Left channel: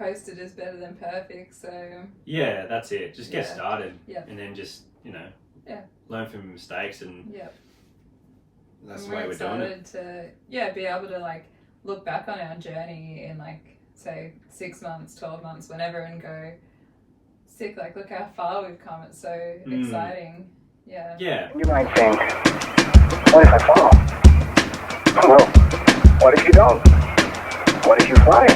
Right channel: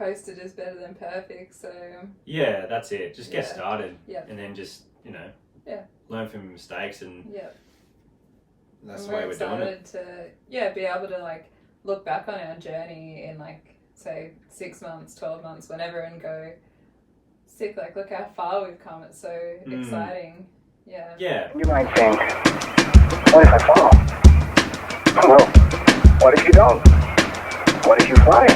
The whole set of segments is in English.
posted is better than perfect, so Yeah, that's it. Just get started, Yep. and then just Yeah. learn from your mistakes, and Yep. that's the way we're doing it. To be able to like look back on our journey in like say 6 months, 12 months, whenever, and go, sick, like look how far we've come. It's so exciting. Yeah. Yeah. You might think, what if I fall? Well, what if you don't? What if you fly?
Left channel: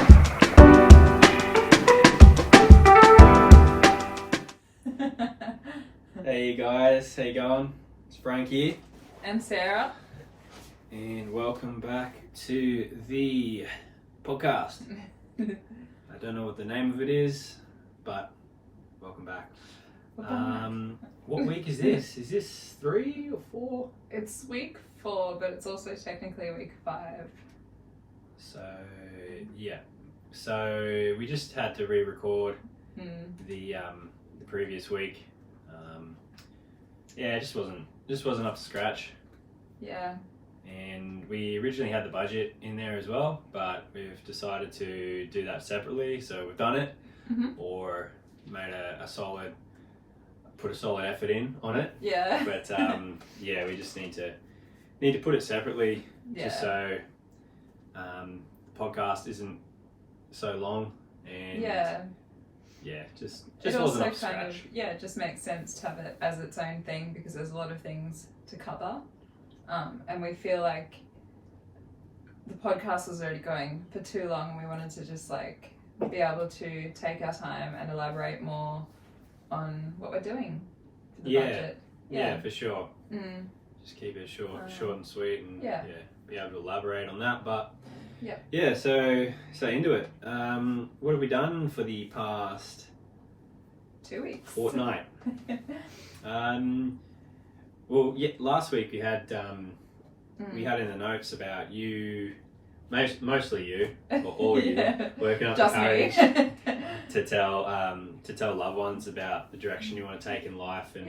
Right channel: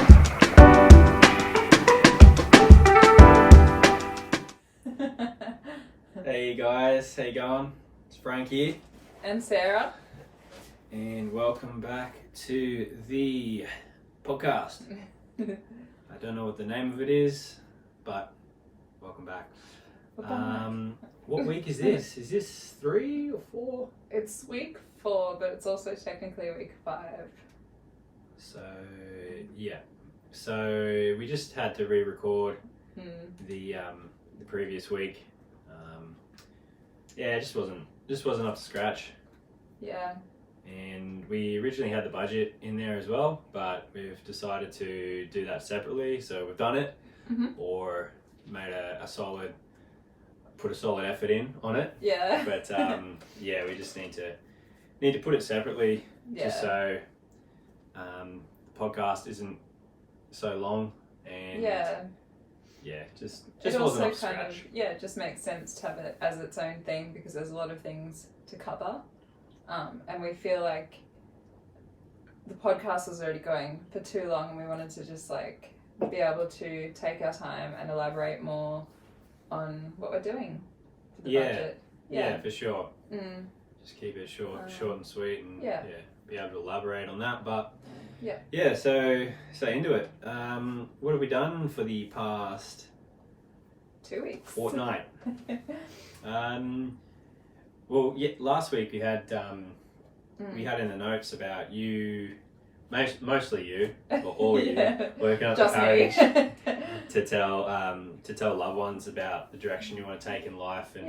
Hey guys, how you going? It's Frank here. And Sarah. And welcome back to the podcast. I don't know what the name of it is, but welcome back. What week is this? Is this 3 or 4? It's week 4, but it's also technically week 5. So yeah. So we just had to re-record the previous week. Yeah, it just wasn't up to scratch. Yeah. And we originally had the budget in there as well, but we've decided to do that separately. So we've done it, or made put a solid effort in on it. Yeah. But yeah, we just need to put it separately, just so the podcast isn't so long, and just wasn't up to scratch. It just makes sense to have it as its own thing because there's a lot of things to cover. And we feel like the podcast was already going for too long, and we wanted to just like be able to take our time and elaborate more on what we're doing for the budget. Yeah, for sure. Just keep it short and sweet, and be able to elaborate on that. But so into it. What have we done for the past 2 weeks? Fortnight. Well, last week we had in the notes about you, mostly you, or all you, working up the courage to tell loved ones about the direction you want to take in life, and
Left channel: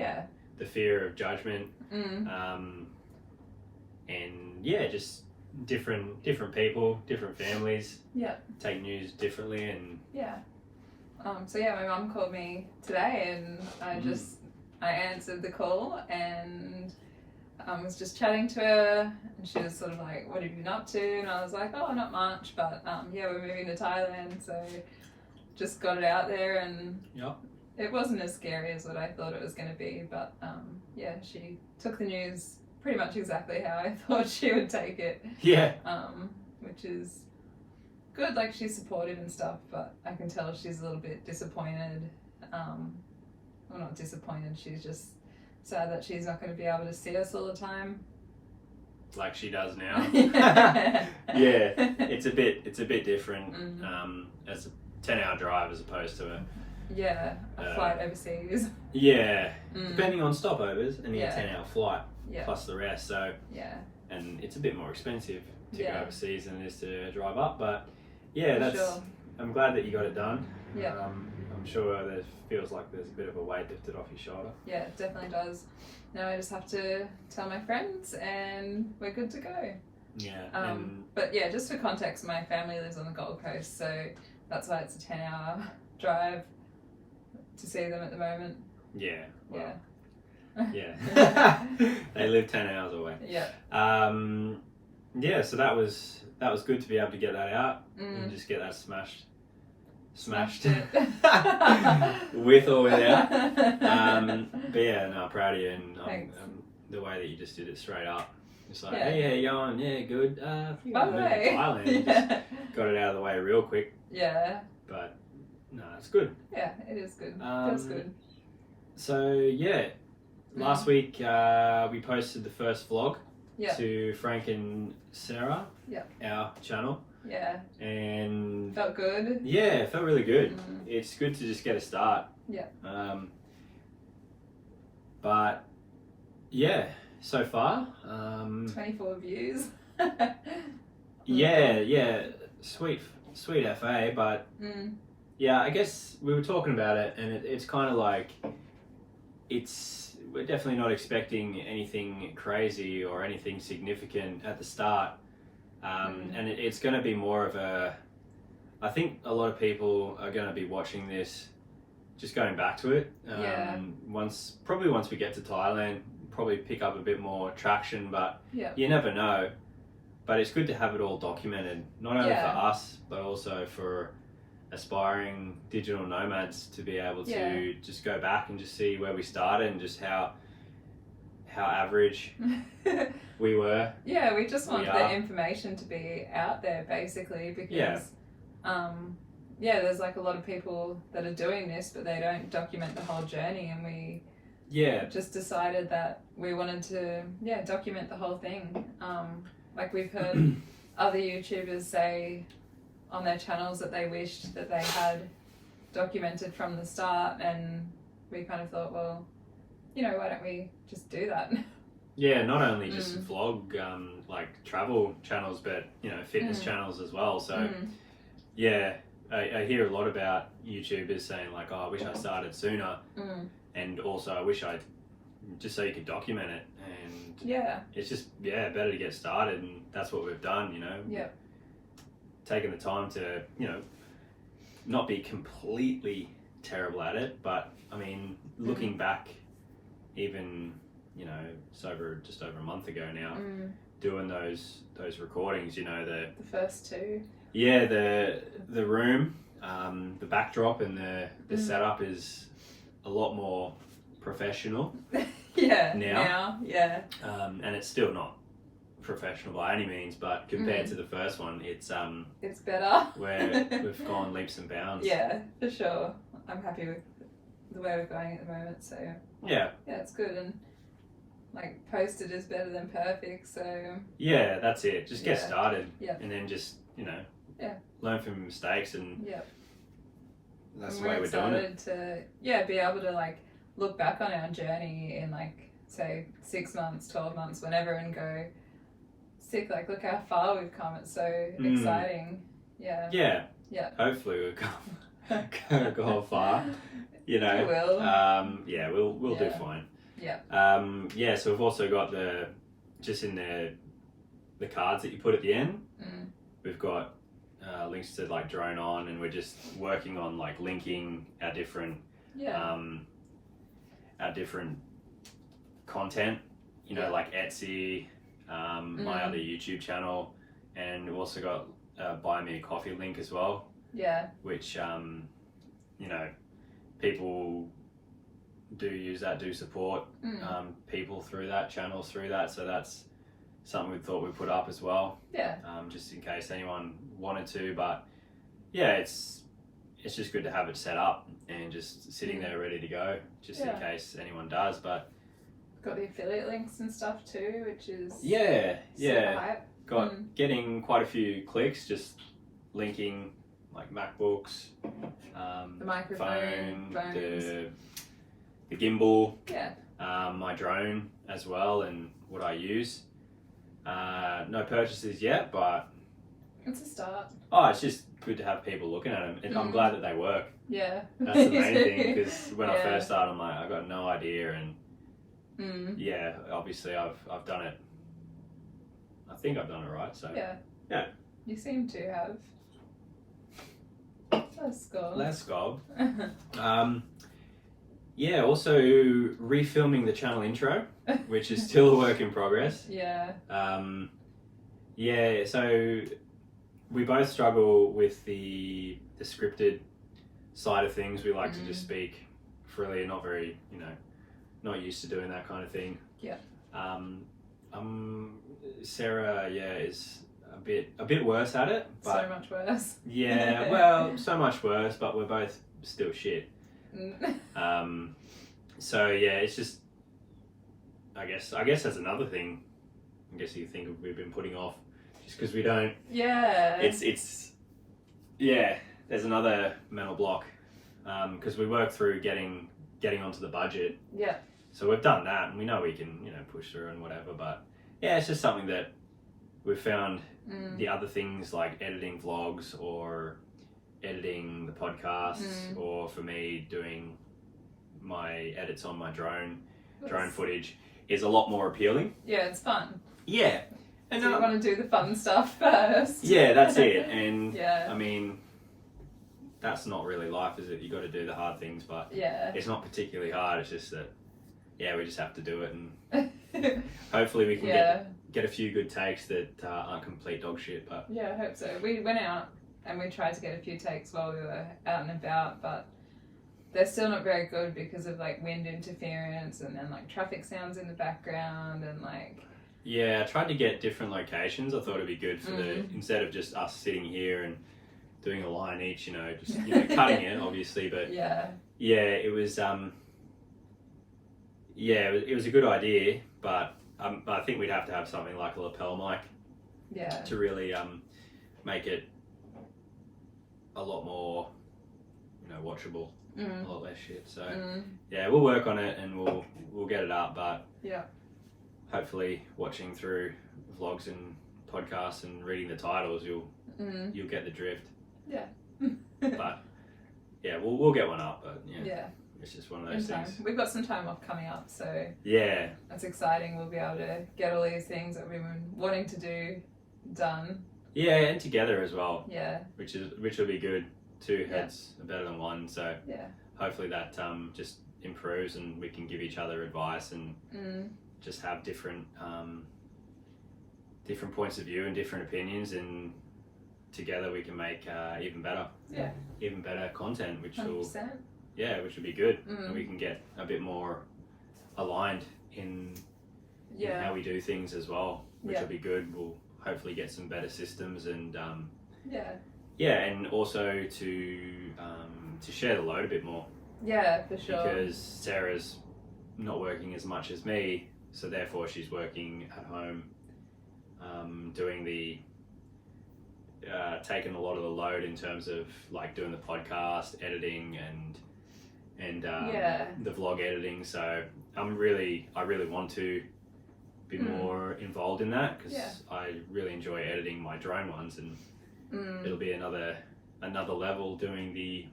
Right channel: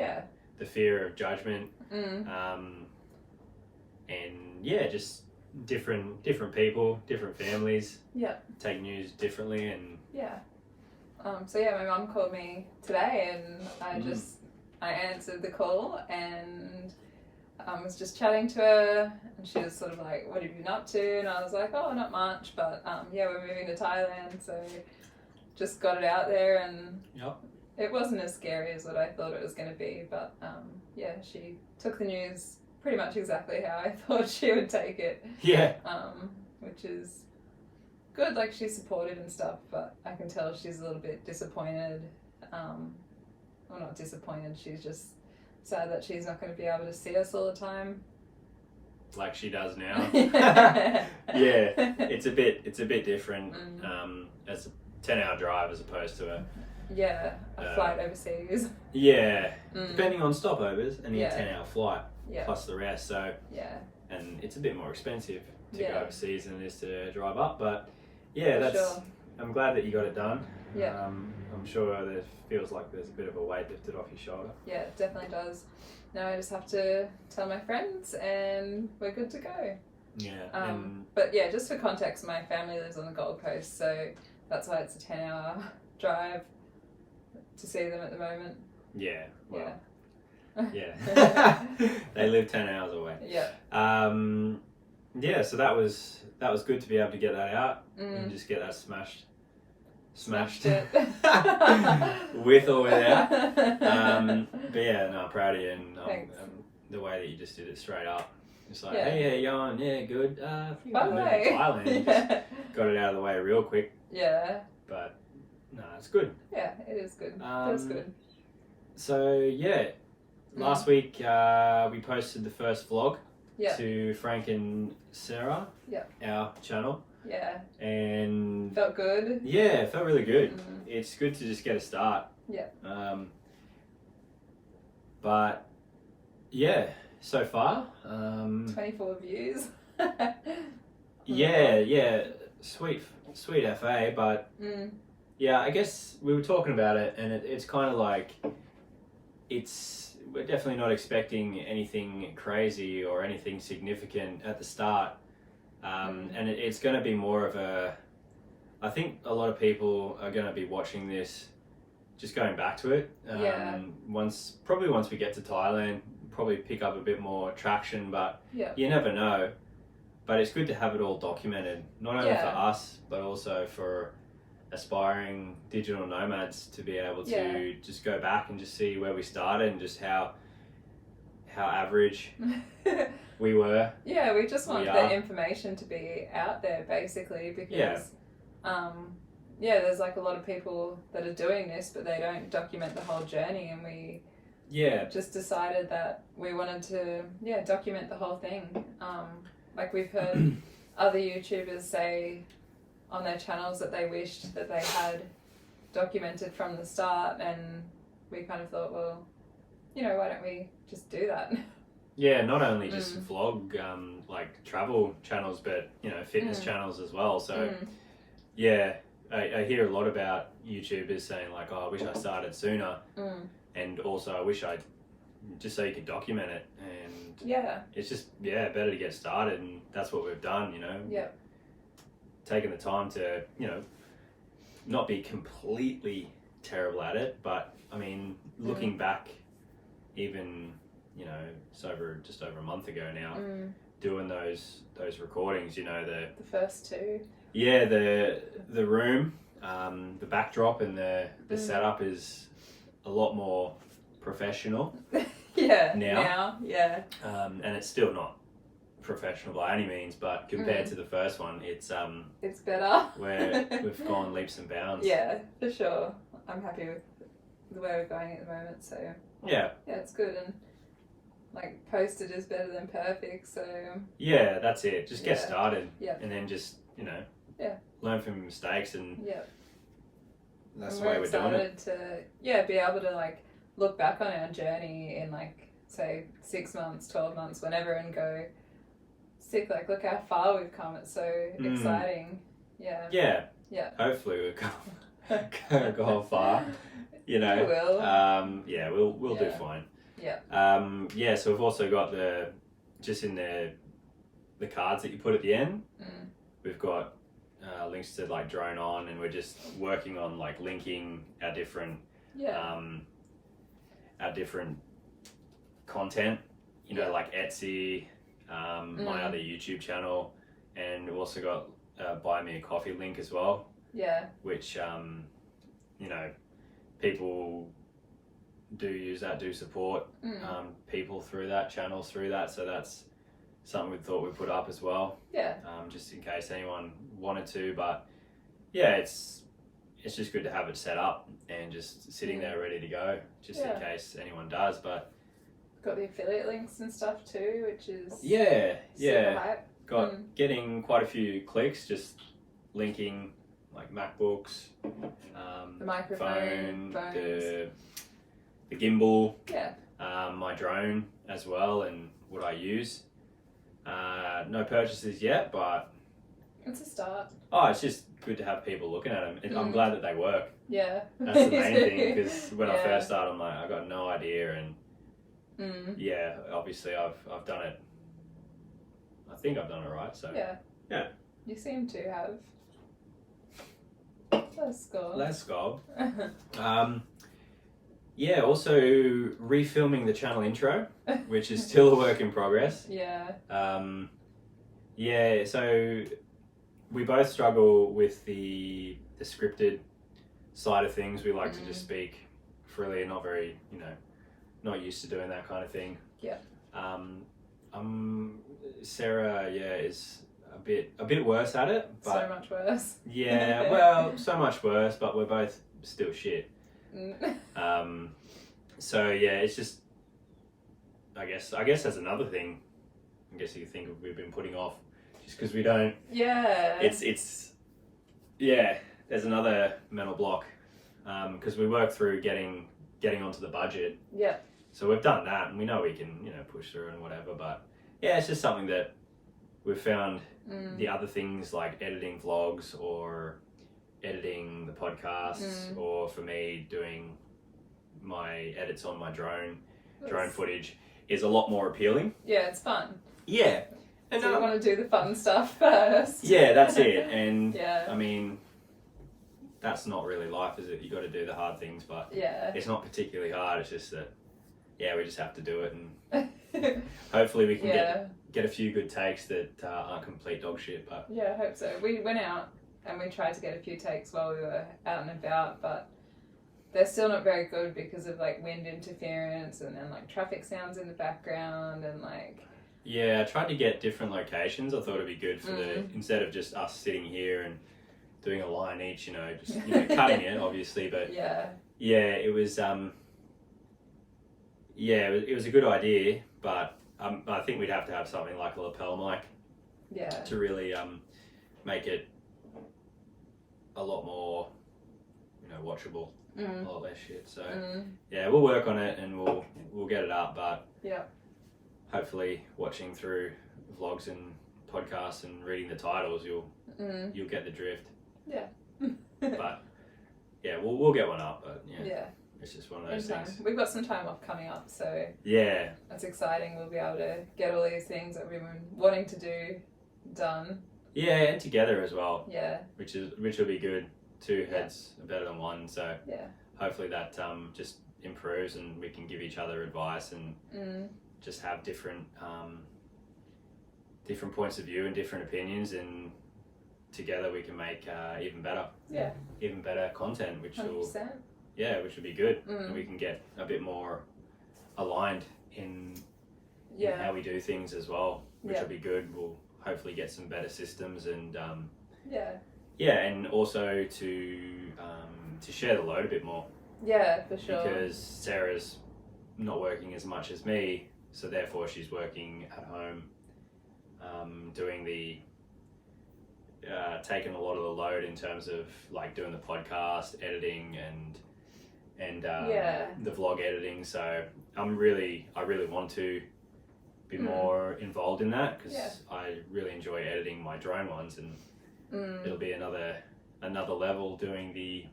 the fear of judgment, and just different people, different families, take news differently, and so my mum called me today, and I answered the call, and I was just chatting to her, and she was sort of like, what have you been up to? And I was like, oh, not much, but we're moving to Thailand, so just got it out there, and it wasn't as scary as what I thought it was going to be, but she took the news pretty much exactly how I thought she would take it. Which is good, like she's supportive and stuff, but I can tell she's a little bit disappointed. Well, not disappointed, she's just sad that she's not going to be able to see us all the time. Like she does now. It's a bit different as a 10-hour drive as opposed to a flight overseas. Depending on stopovers, and a 10-hour flight plus the rest. So and it's a bit more expensive to go overseas than it is to drive up. But I'm glad that you got it done. I'm sure it feels like there's a bit of a weight lifted off your shoulder. Yeah, it definitely does. Now I just have to tell my friends and we're good to go. But just for context, my family lives on the Gold Coast, so that's why it's a 10-hour drive to see them at the moment. They live 10 hours away. So that was good to be able to get that out and just get that smashed it. With or without. But proud of you, and the way that you just did it straight up. It's like, hey, how you going? Yeah, good. I think I'm moving to Thailand. And just got it out of the way real quick. But no, it's good. Yeah, it is good. Feels good. So last week we posted the first vlog to Frank and Sarah, our channel. And felt good. It felt really good. It's good to just get a start. But so far 24 views. Sweet FA, but I guess we were talking about it, and it's kind of like we're definitely not expecting anything crazy or anything significant at the start. And it's going to be more of I think a lot of people are going to be watching this, just going back to it. Once we get to Thailand, probably pick up a bit more traction, but you never know. But it's good to have it all documented, not only for us, but also for aspiring digital nomads to be able to just go back and just see where we started and just how average we were. Yeah, we just want the information to be out there, basically, because there's like a lot of people that are doing this, but they don't document the whole journey, and we just decided that we wanted to document the whole thing. Like we've heard other YouTubers say on their channels that they wished that they had documented from the start, and we kind of thought, well, why don't we just do that? Yeah, not only just vlog, like travel channels, but fitness channels as well. So I hear a lot about YouTubers saying like, oh, I wish I started sooner, and also I wish I just so you could document it, and it's just better to get started, and that's what we've done. Taking the time to not be completely terrible at it, but I mean, looking back, even it's just over a month ago now, doing those recordings. The first two. Yeah, the room, the backdrop, and the setup is a lot more professional. Now. And it's still not professional by any means, but compared to the first one, it's better. We've gone leaps and bounds. Yeah, for sure. I'm happy with the way we're going at the moment. So yeah, it's good, and like posted is better than perfect. So that's it. Just get started, and then just learn from your mistakes, and that's the way we're doing it. To be able to like look back on our journey in like say 6 months, 12 months, whenever, and go, sick, like look how far we've come. It's so exciting. Yeah. Hopefully we'll go far. We will. We'll do fine. So we've also got the cards that you put at the end. We've got links to like Drone On, and we're just working on like linking our different content, like Etsy, my other YouTube channel, and we've also got Buy Me a Coffee link as well. Which people do use that, do support people through that, channels through that, so that's something we thought we'd put up as well. Just in case anyone wanted to, but it's just good to have it set up and just sitting there ready to go, just in case anyone does. But got the affiliate links and stuff too, which is super hype. Got getting quite a few clicks, just linking like MacBooks, the microphone, phone, the gimbal, my drone as well, and what I use. No purchases yet, but it's a start. Oh, it's just good to have people looking at them. And I'm glad that they work. Yeah, that's the main thing, because when I first started, I'm like, I got no idea, and obviously I've done it. I think I've done it right. So yeah. You seem to have. Let's go. Also refilming the channel intro, which is still a work in progress. So we both struggle with the scripted side of things. We like to just speak freely and not very, not used to doing that kind of thing. Sarah, is a bit worse at it, but so much worse. So much worse, but we're both still shit. It's just, I guess that's another thing. I guess you think we've been putting off just because we don't. There's another mental block because we work through getting onto the budget. So we've done that, and we know we can push through and whatever. But it's just something that we've found. The other things like editing vlogs or editing the podcasts, or for me doing my edits on my drone footage is a lot more appealing. It's fun. And so you want to do the fun stuff first. That's it. And I mean, that's not really life, is it? You got to do the hard things, but Yeah. it's not particularly hard. It's just that, yeah, we just have to do it, and hopefully we can get a few good takes that aren't complete dog shit. But yeah, I hope so. We went out and we tried to get a few takes while we were out and about, but they're still not very good because of like wind interference and then like traffic sounds in the background and like. Yeah, I tried to get different locations. I thought it'd be good for instead of just us sitting here and doing a line each, just cutting it obviously, but yeah, it was it was a good idea, but I think we'd have to have something like a lapel mic to really make it a lot more watchable, a lot less shit. So yeah, we'll work on it and we'll get it up, but hopefully watching through vlogs and podcasts and reading the titles you'll get the drift. But yeah, we'll get one up, but it's just one of those things. We've got some time off coming up, so yeah, that's exciting. We'll be able to get all these things that we've been wanting to do done. Yeah, and together as well. Yeah, which will be good. Two heads are better than one, so hopefully that just improves and we can give each other advice and just have different points of view and different opinions, and together we can make even better content, which 100%. will be good, and we can get a bit more aligned in how we do things as well, which will be good. We'll hopefully get some better systems and and also to share the load a bit more. Yeah, for sure. Because Sarah's not working as much as me, so therefore she's working at home, doing the taking a lot of the load in terms of like doing the podcast editing and the vlog editing. So I really want to be more involved in that, because I really enjoy editing my drone ones, and it'll be another level doing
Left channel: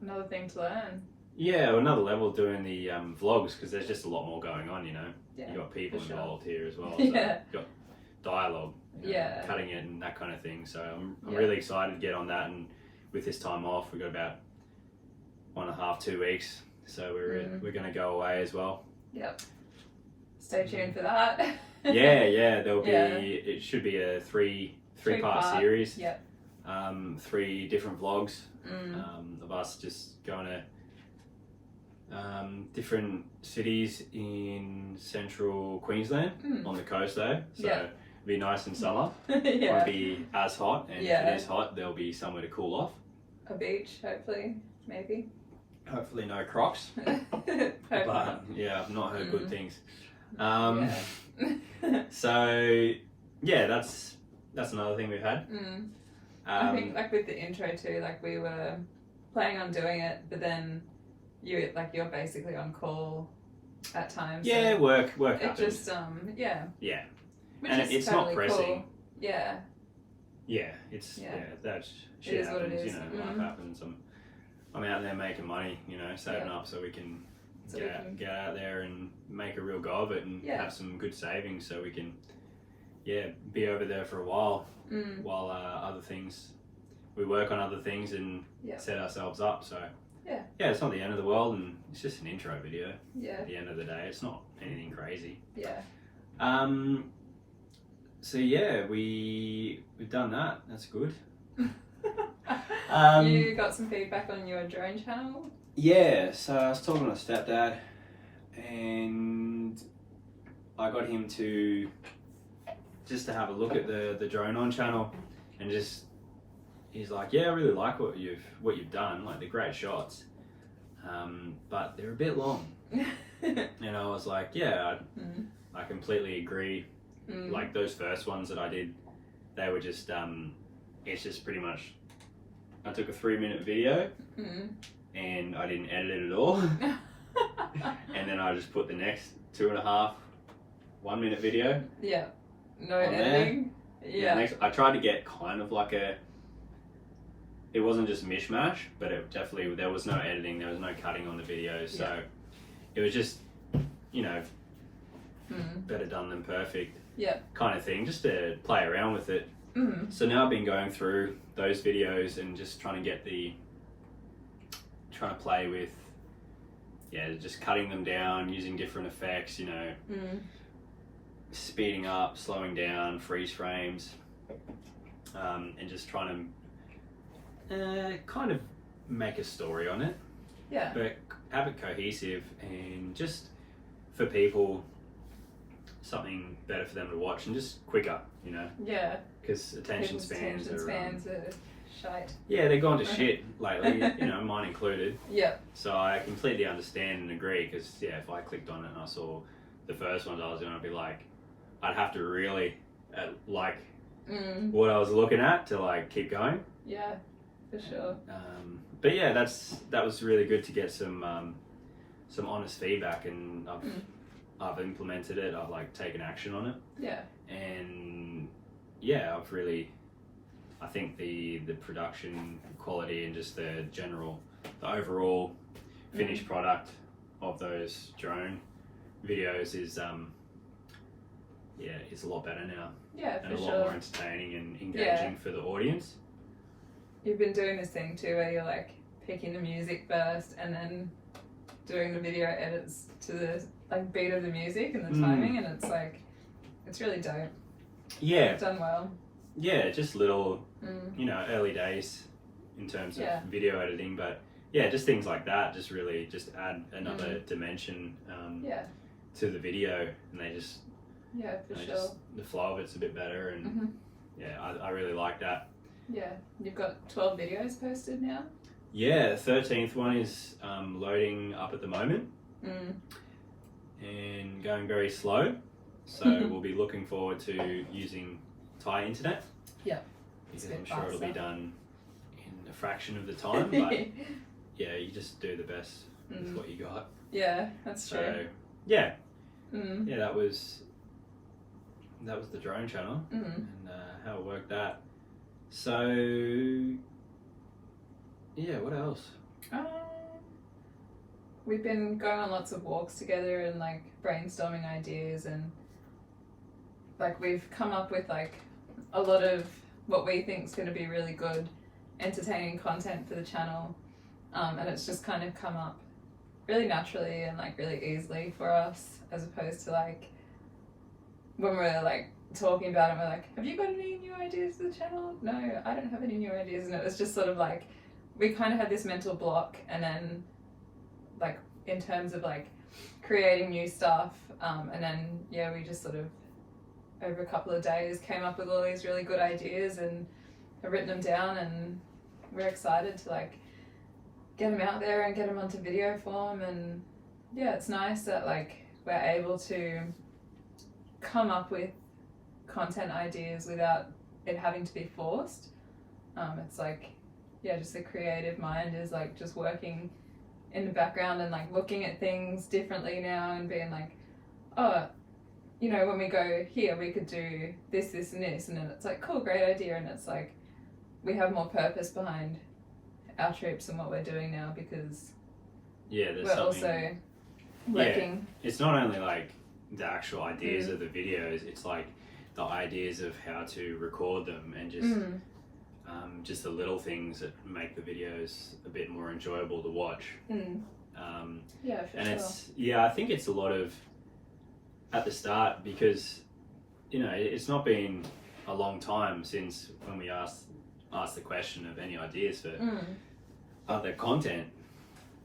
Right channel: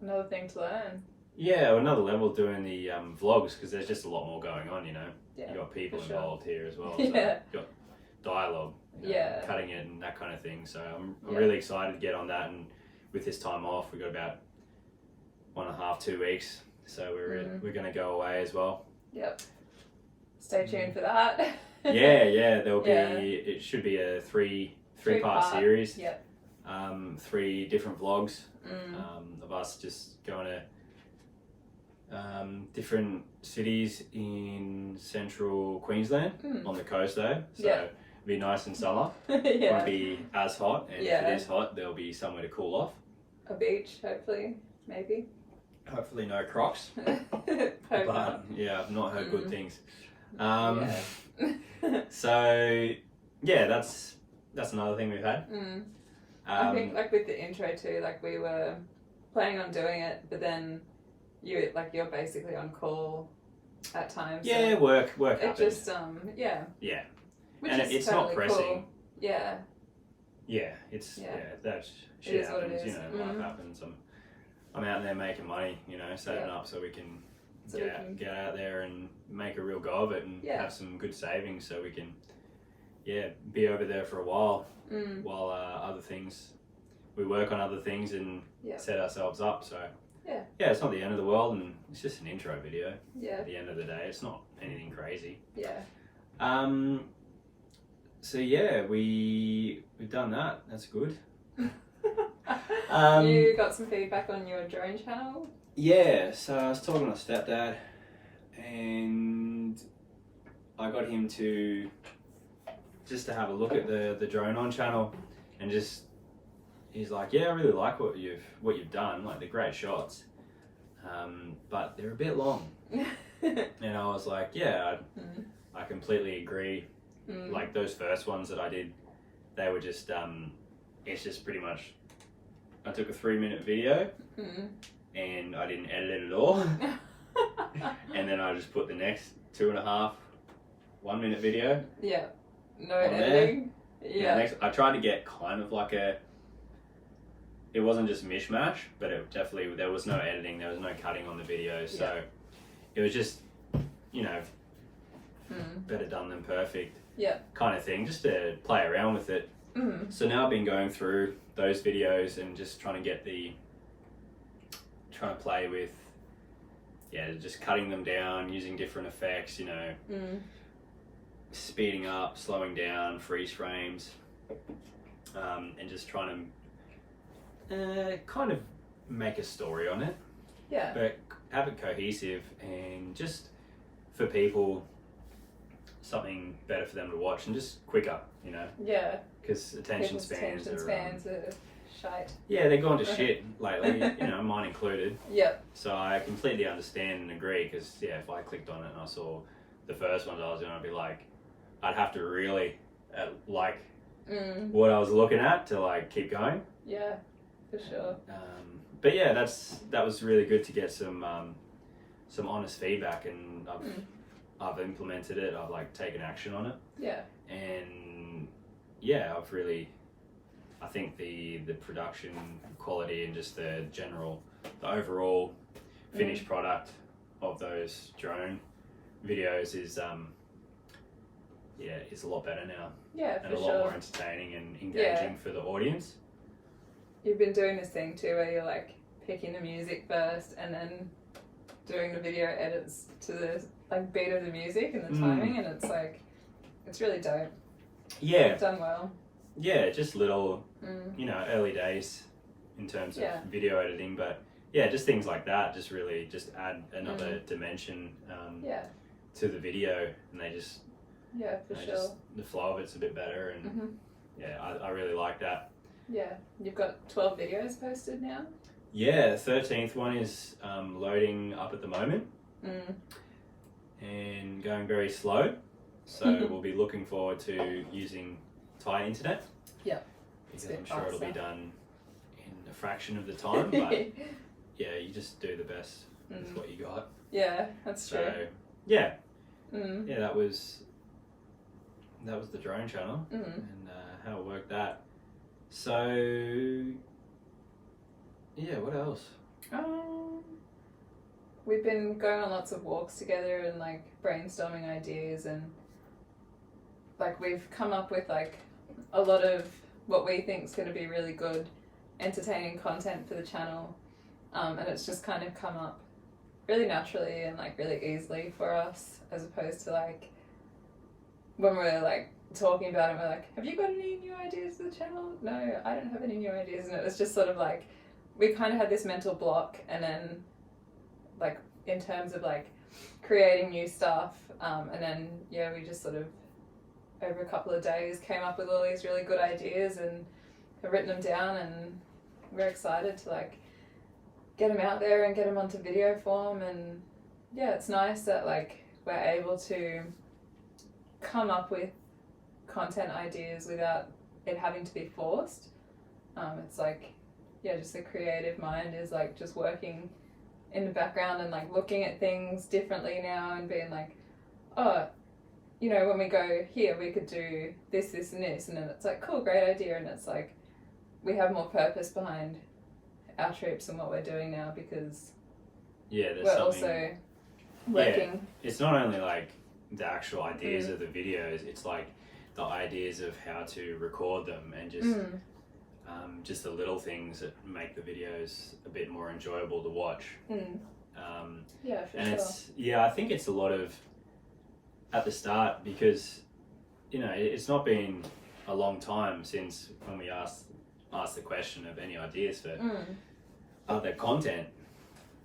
another thing to learn. Yeah, another level doing the vlogs, because there's just a lot more going on, Yeah, you got people for sure. involved here as well. So Yeah. you've got dialogue, cutting it and that kind of thing. So I'm really excited to get on that, and with this time off, we've got about 1.5 2 weeks, so we're going to go away as well. Yep. Stay tuned for that. There'll be it should be a three-part series. Yep. 3 different vlogs of us just going to different cities in central Queensland on the coast though, so it'll be nice in summer. Won't be as hot, and if it is hot, there'll be somewhere to cool off. A beach, hopefully, maybe. Hopefully no crocs. But I've not heard good things. So that's another thing we've had. I think like with the intro too, like we were planning on doing it, but then you're basically on call at times. Yeah, so work it happens. Just Which and is it's totally not pressing. Cool. Yeah. It's that's shit It is happens. what it is. Life happens. I'm out there making money, saving up so we can get out there and make a real go of it and have some good savings, so we can be over there for a while while we work on other things and set ourselves up. So it's not the end of the world, and it's just an intro video. At the end of the day, it's not anything crazy. So we've done that. That's good. You got some feedback on your drone channel? Yeah, so I was talking to my stepdad, and I got him to have a look at the drone on channel, and he's like, I really like what you've done, like they're great shots, but they're a bit long. And I was like, I completely agree. Like those first ones that I did, they were just it's just pretty much, I took a 3-minute video and I didn't edit it at all. And then I just put the next 2.5 1-minute video. No editing. I tried to get kind of like it wasn't just mishmash, but it definitely, there was no editing, there was no cutting on the video, so it was just, better done than perfect kind of thing, just to play around with it. So now I've been going through those videos and just trying to get the trying to play with, just cutting them down, using different effects, speeding up, slowing down, freeze frames, and just trying to kind of make a story on it, but have it cohesive and just for people something better for them to watch and just quicker, because attention spans are shite. Yeah, they've gone to shit lately, mine included. Yep. So I completely understand and agree, because if I clicked on it and I saw the first ones I was doing, I'd be like, I'd have to really like what I was looking at to like keep going. Yeah, for sure. But yeah, that was really good to get some honest feedback, and I've implemented it. I've like taken action on it. Yeah. And I think the production quality and just the overall finished product of those drone videos is a lot better now. Yeah, and a lot more entertaining and engaging for the audience. You've been doing this thing too, where you're like picking the music first and then doing the video edits to the like beat of the music and the timing, and it's really dope. Yeah, You've done well. Yeah, just little, early days in terms of video editing, but just things like that just really just add another dimension to the video, and they just the flow of it's a bit better, and I really like that. Yeah, you've got 12 videos posted now. Yeah, the 13th one is loading up at the moment and going very slow, so we'll be looking forward to using Thai internet. Yeah, because I'm sure it'll be done in a fraction of the time, but you just do the best with what you got. Yeah, that's true. So that was the drone channel and how it worked that. So what else? We've been going on lots of walks together and like brainstorming ideas, and like we've come up with like a lot of what we think is going to be really good, entertaining content for the channel, and it's just kind of come up really naturally and like really easily for us, as opposed to like when we're like talking about it, we're like, have you got any new ideas for the channel? No, I don't have any new ideas. And it was just sort of like we kind of had this mental block, and then like in terms of like creating new stuff, and then we just sort of over a couple of days came up with all these really good ideas and have written them down, and we're excited to like get them out there and get them onto video form. And it's nice that like we're able to come up with content ideas without it having to be forced. It's like just the creative mind is like just working in the background and like looking at things differently now and being like, when we go here we could do this, this and this, and then it's like, cool, great idea, and it's like we have more purpose behind our trips and what we're doing now, because there's we're something also working. It's not only like the actual ideas of the videos, it's like the ideas of how to record them, and just the little things that make the videos a bit more enjoyable to watch. I think it's a lot of at the start, because it's not been a long time since when we asked the question of any ideas for other content,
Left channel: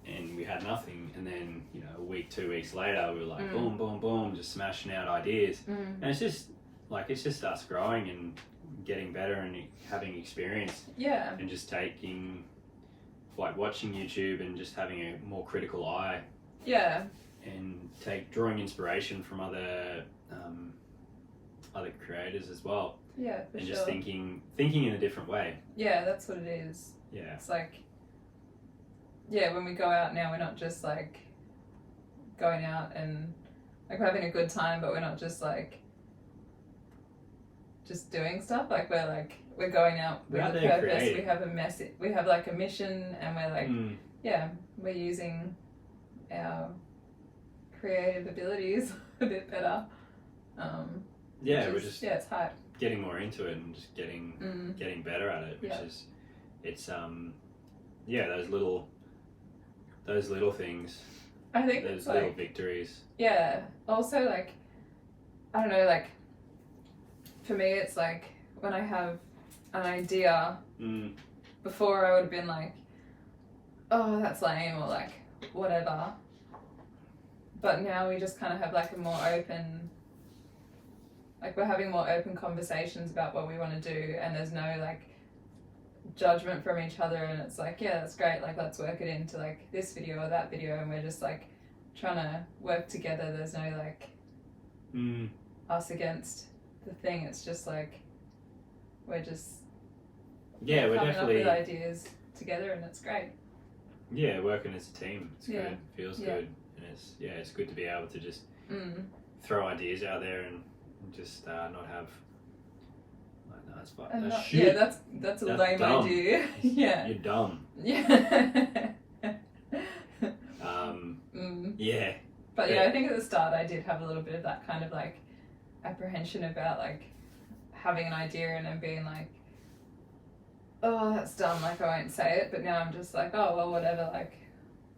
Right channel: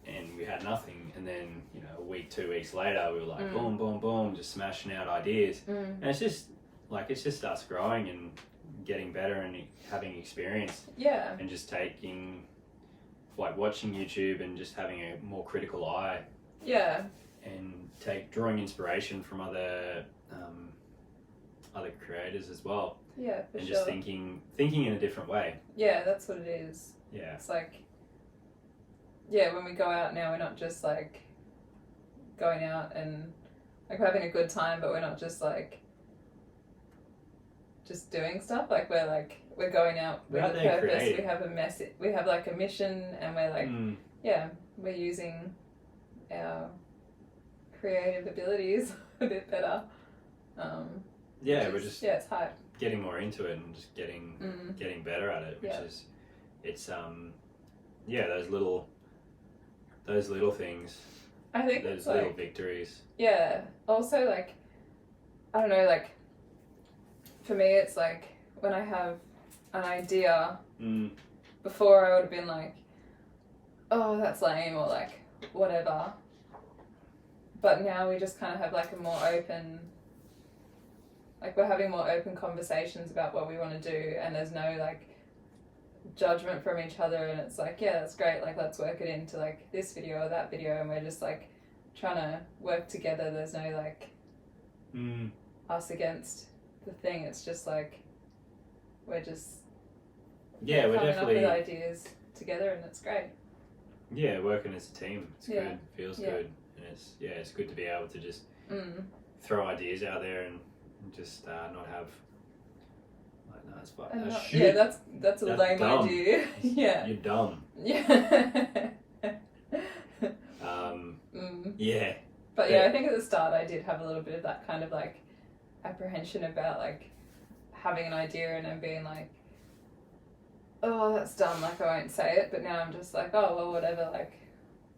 and we had nothing, and then a week, 2 weeks later we were like boom boom boom, just smashing out ideas, and it's just us growing and getting better and having experience, and just taking like watching YouTube and just having a more critical eye, and drawing inspiration from other creators as well, and just thinking in a different way. That's what it is. It's like when we go out now, we're not just like going out and like we're having a good time, but we're not just like just doing stuff. Like we're going out with a purpose. Creating. We have a message. We have like a mission, and we're like we're using our creative abilities a bit better. We're just it's hype. Getting more into it and just getting better at it, which is it's those little those little things, I think those it's little like, victories. yeah. Also, like, I don't know, like, for me, it's like when I have an idea, before I would have been like, oh, that's lame, or like, whatever. But now we just kind of have like a more open, like, we're having more open conversations about what we want to do, and there's no like judgment from each other, and it's like, yeah, that's great, like, let's work it into like this video or that video, and we're just like trying to work together. There's no like us against the thing. It's just like we're just we're coming definitely up with ideas together, and it's great. Working as a team. It's Yeah. good, feels Yeah. good, and it's good to be able to just throw ideas out there and just not have like, no, that's fine. And That's not- shit. yeah, that's a That's lame dumb. idea. Yeah. You're dumb. Yeah. Yeah. But yeah, I think at the start I did have a little bit of that kind of like apprehension about like having an idea and then being like, oh, that's dumb, like I won't say it. But now I'm just like, oh, well, whatever. Like,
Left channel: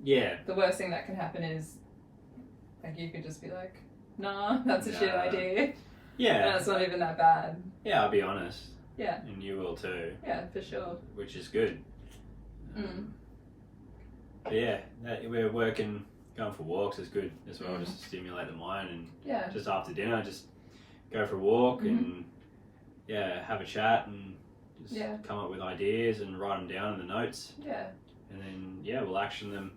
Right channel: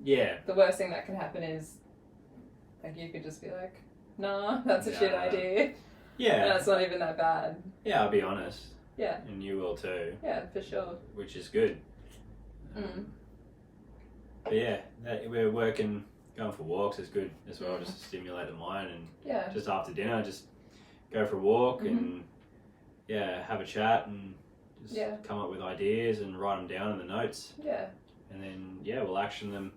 Yeah. the worst thing that can happen is like you could just be like, nah, that's a shit Nah. idea. Yeah. And it's not even that bad. Yeah, I'll be honest. Yeah. And you will too, Yeah, for sure. which is good. But yeah, we're working, going for walks is good as well, just to stimulate the mind. And Yeah. just after dinner, just go for a walk and have a chat and just come up with ideas and write them down in the notes. Yeah. And then we'll action them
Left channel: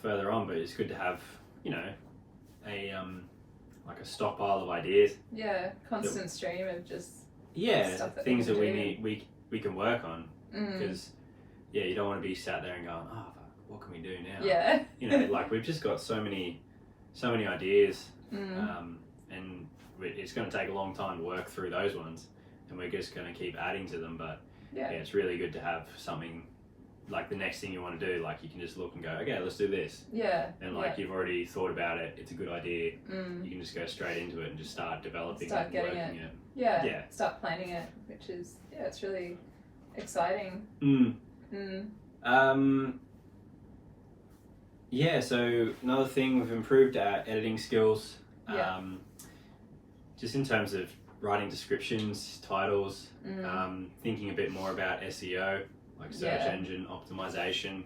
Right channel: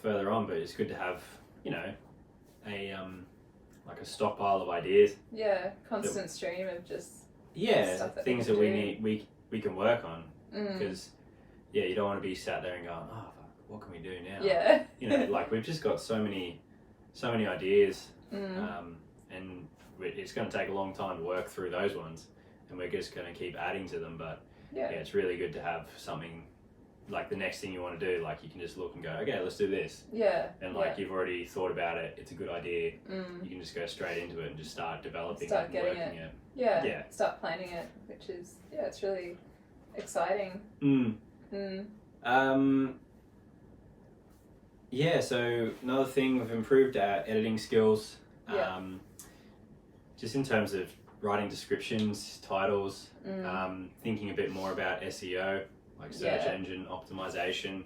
further on. But it's good to have, you know, a like a stockpile of ideas. Yeah. Constant stream of just stuff that Things we that can we do. need we can work on, because you don't want to be sat there and going, oh fuck, what can we do now? Yeah. You know, like we've just got so many ideas, and it's going to take a long time to work through those ones, and we're just going to keep adding to them. But it's really good to have something like the next thing you want to do, like you can just look and go, okay, let's do this. Yeah. And like you've already thought about it, it's a good idea. You can just go straight into it and just start developing Start it and getting working it. Yeah. Yeah. Start planning it, which is it's really exciting. So another thing, we've improved our editing skills. Yeah. Just in terms of writing descriptions, titles, thinking a bit more about SEO, like search engine optimization,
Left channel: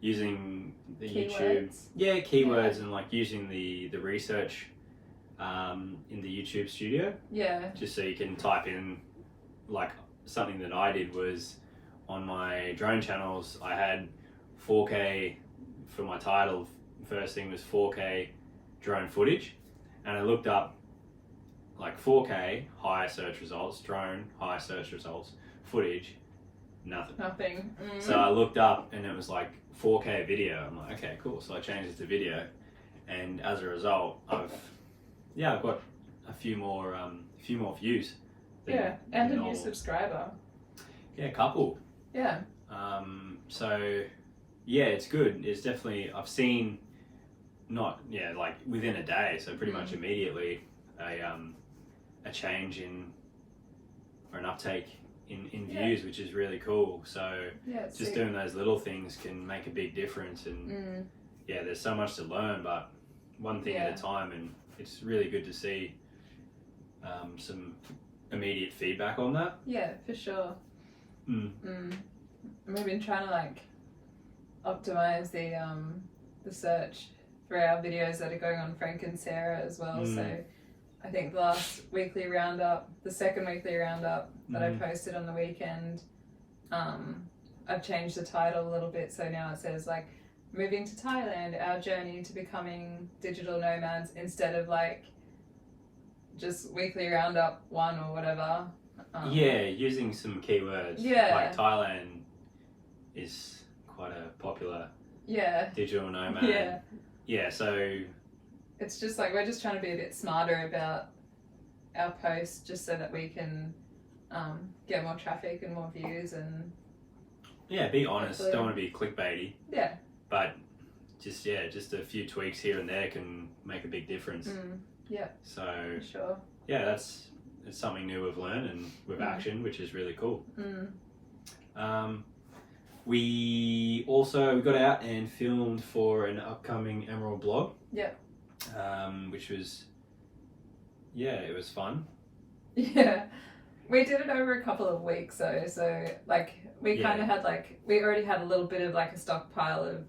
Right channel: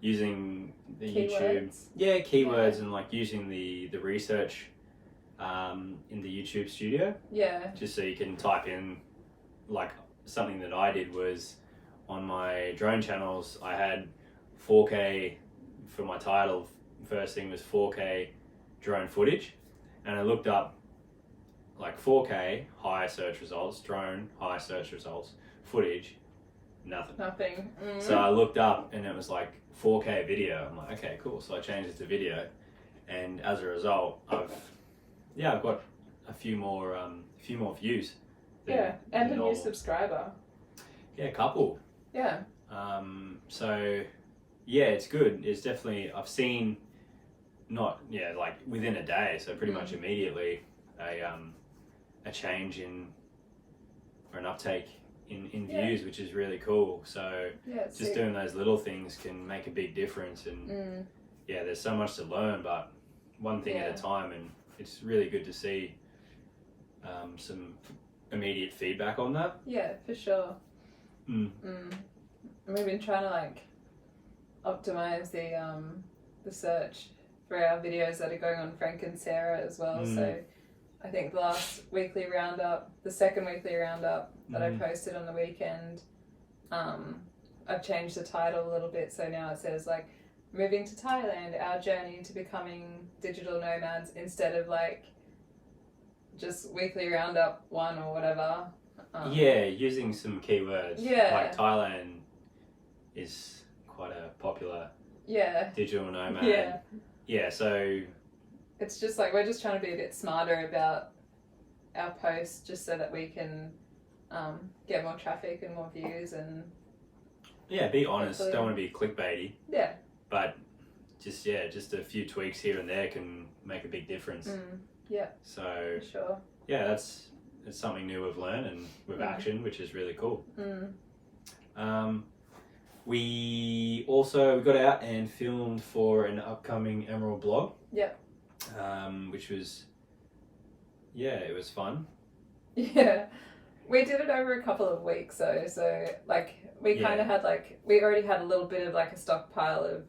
using the Keywords. keywords, and like using the research in the YouTube studio. Yeah. Just so you can type in, like something that I did was on my drone channels, I had 4K for my title. First thing was 4K drone footage, and I looked up like 4K high search results, drone high search results, footage, nothing. So I looked up and it was like 4K video. I'm like, okay, cool. So I changed it to video, and as a result, I've got a few more views. And a new normal. subscriber. Yeah, a couple. Yeah. So yeah, it's good. It's definitely, I've seen like within a day, so pretty much immediately a change in, or an uptake in views, which is really cool. So just doing those little things can make a big difference. And there's so much to learn, but one thing at a time, and it's really good to see some immediate feedback on that. Yeah, for sure. We've been trying to like optimize the search for our videos that are going on Franc and Sarah as well. So I think the last weekly roundup, the second weekly roundup that I posted on the weekend, I've changed the title a little bit. So now it says like moving to Thailand, our journey to becoming digital nomads, instead of like just weekly roundup 1 or whatever. Using some keywords. Yeah. Like Thailand is quite a popular digital nomad. So it's just like we're just trying to be a bit smarter about our posts, just so that we can get more traffic and more views. And be honest, don't want to be clickbaity, yeah, but just a few tweaks here and there can make a big difference. So for sure. It's something new we've learned and with action, which is really cool. we got out and filmed for an upcoming Emerald blog. Yep. Which was, it was fun. Yeah. We did it over a couple of weeks though, so like we kind of had we already had a little bit of like a stockpile of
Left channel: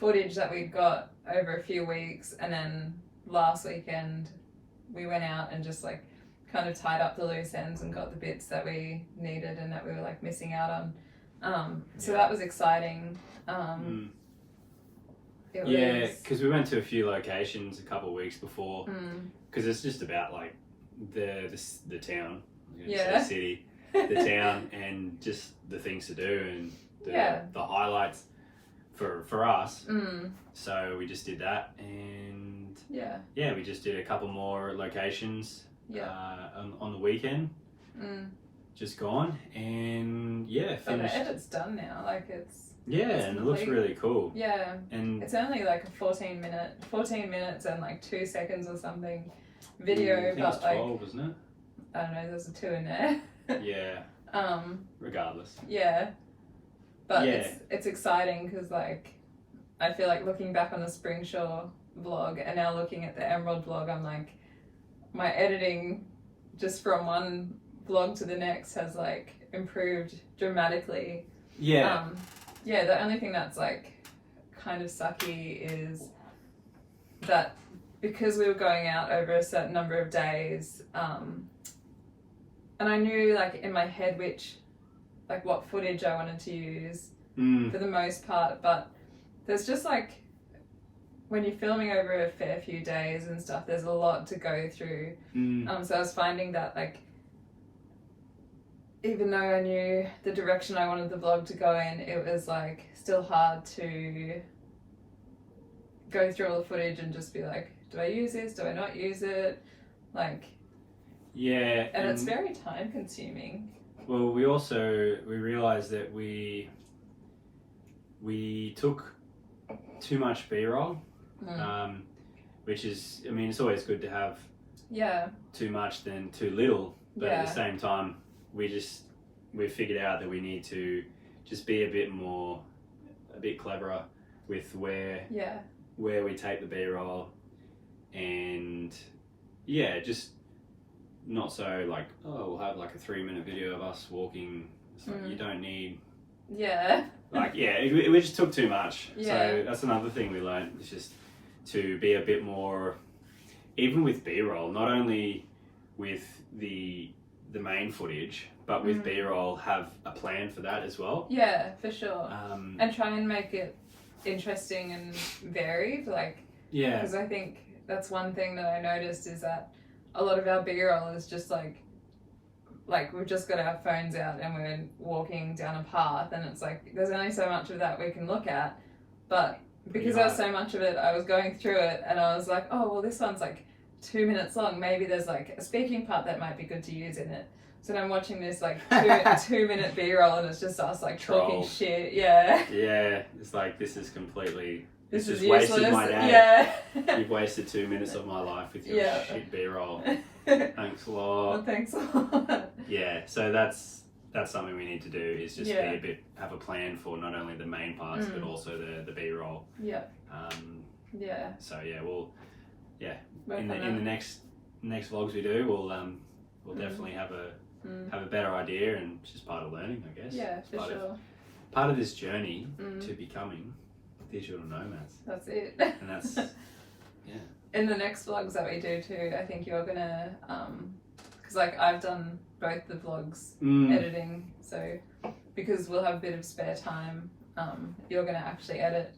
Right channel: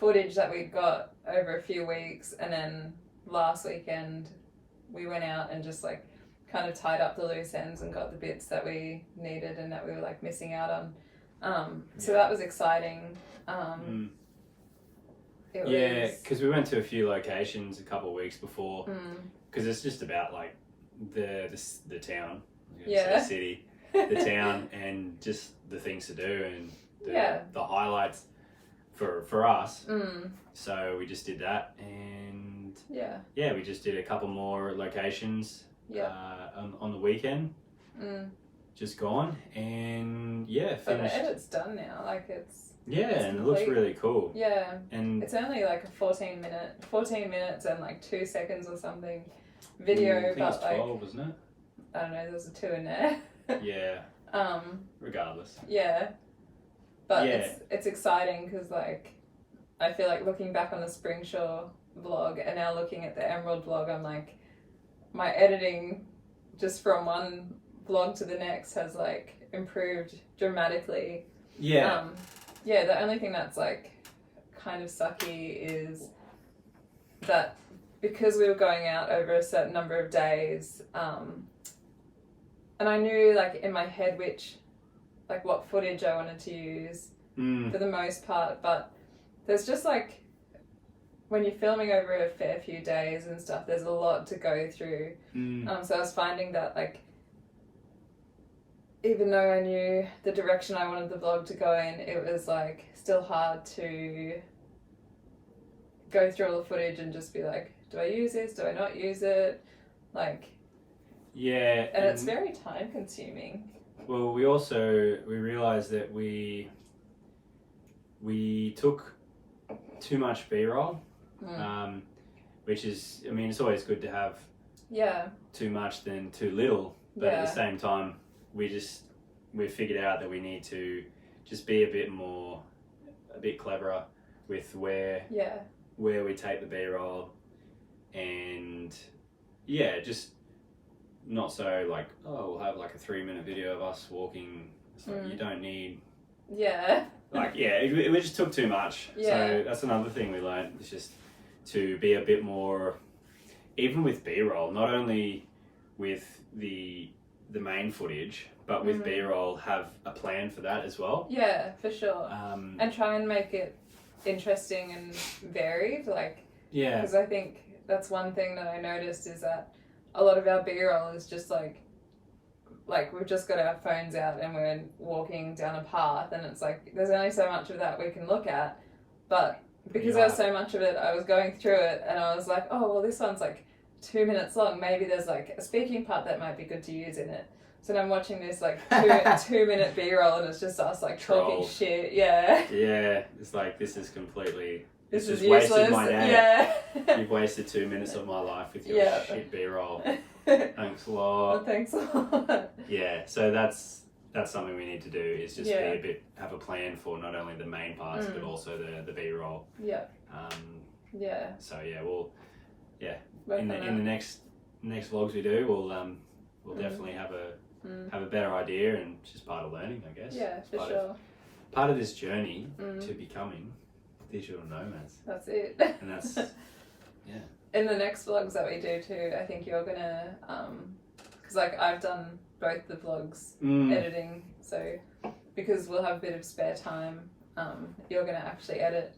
footage that we got over a few weeks, and then last weekend we went out and just like kind of tied up the loose ends and got the bits that we needed and that we were like missing out on. So that was exciting. Because we went to a few locations a couple of weeks before, because it's just about like the town, the city, the town, and just the things to do and the highlights for us. So we just did that, and we just did a couple more locations on the weekend. Just gone, and finished. But the edit's done now, like it's and it looks really cool. Yeah, and it's only like a 14 minutes and like 2 seconds or something video. I think but it's 12, wasn't it? I don't know, there's a 2 in there. Regardless. But it's exciting because like I feel like looking back on the Springshore vlog and now looking at the Emerald vlog, I'm like, my editing just from one vlog to the next has like improved dramatically. The only thing that's like kind of sucky is that because we were going out over a certain number of days, and I knew like in my head what footage I wanted to use for the most part, but there's just like when you're filming over a fair few days and stuff, there's a lot to go through. So I was finding that like even though I knew the direction I wanted the vlog to go in, it was like still hard to go through all the footage and just be like, do I use this? Do I not use it? Like, and it's very time consuming. Well, we realized that we took too much B-roll, which is, I mean, it's always good to have too much than too little, but at the same time, we figured out that we need to just be a bit cleverer with where we take the B-roll, and just not so like, we'll have like a 3-minute video of us walking. It's like, you don't need we just took too much. So that's another thing we learned, is just to be a bit more, even with B-roll, not only with the main footage, but with B-roll, have a plan for that as well. Yeah, for sure. And try and make it interesting and varied, like, because I think that's one thing that I noticed is that a lot of our B-roll is just like we've just got our phones out and we're walking down a path, and it's like there's only so much of that we can look at, but because there was so much of it, I was going through it and I was like, oh well, this one's like 2 minutes long, maybe there's like a speaking part that might be good to use in it. So then I'm watching this like 2-minute B-roll and it's just us like talking shit. It's like, this is completely, this just wasted my day. You've wasted 2 minutes of my life with your shit B-roll. Thanks a lot. Well, thanks a lot. So that's something we need to do, is just have a plan for not only the main parts but also the B-roll. So we'll in the next vlogs we do, we'll definitely have a better idea, and it's just part of learning, I guess. For sure. Part of this journey to becoming digital nomads. That's it. And that's in the next vlogs that we do too, I think you're gonna because like I've done both the vlogs editing, so because we'll have a bit of spare time, you're gonna actually edit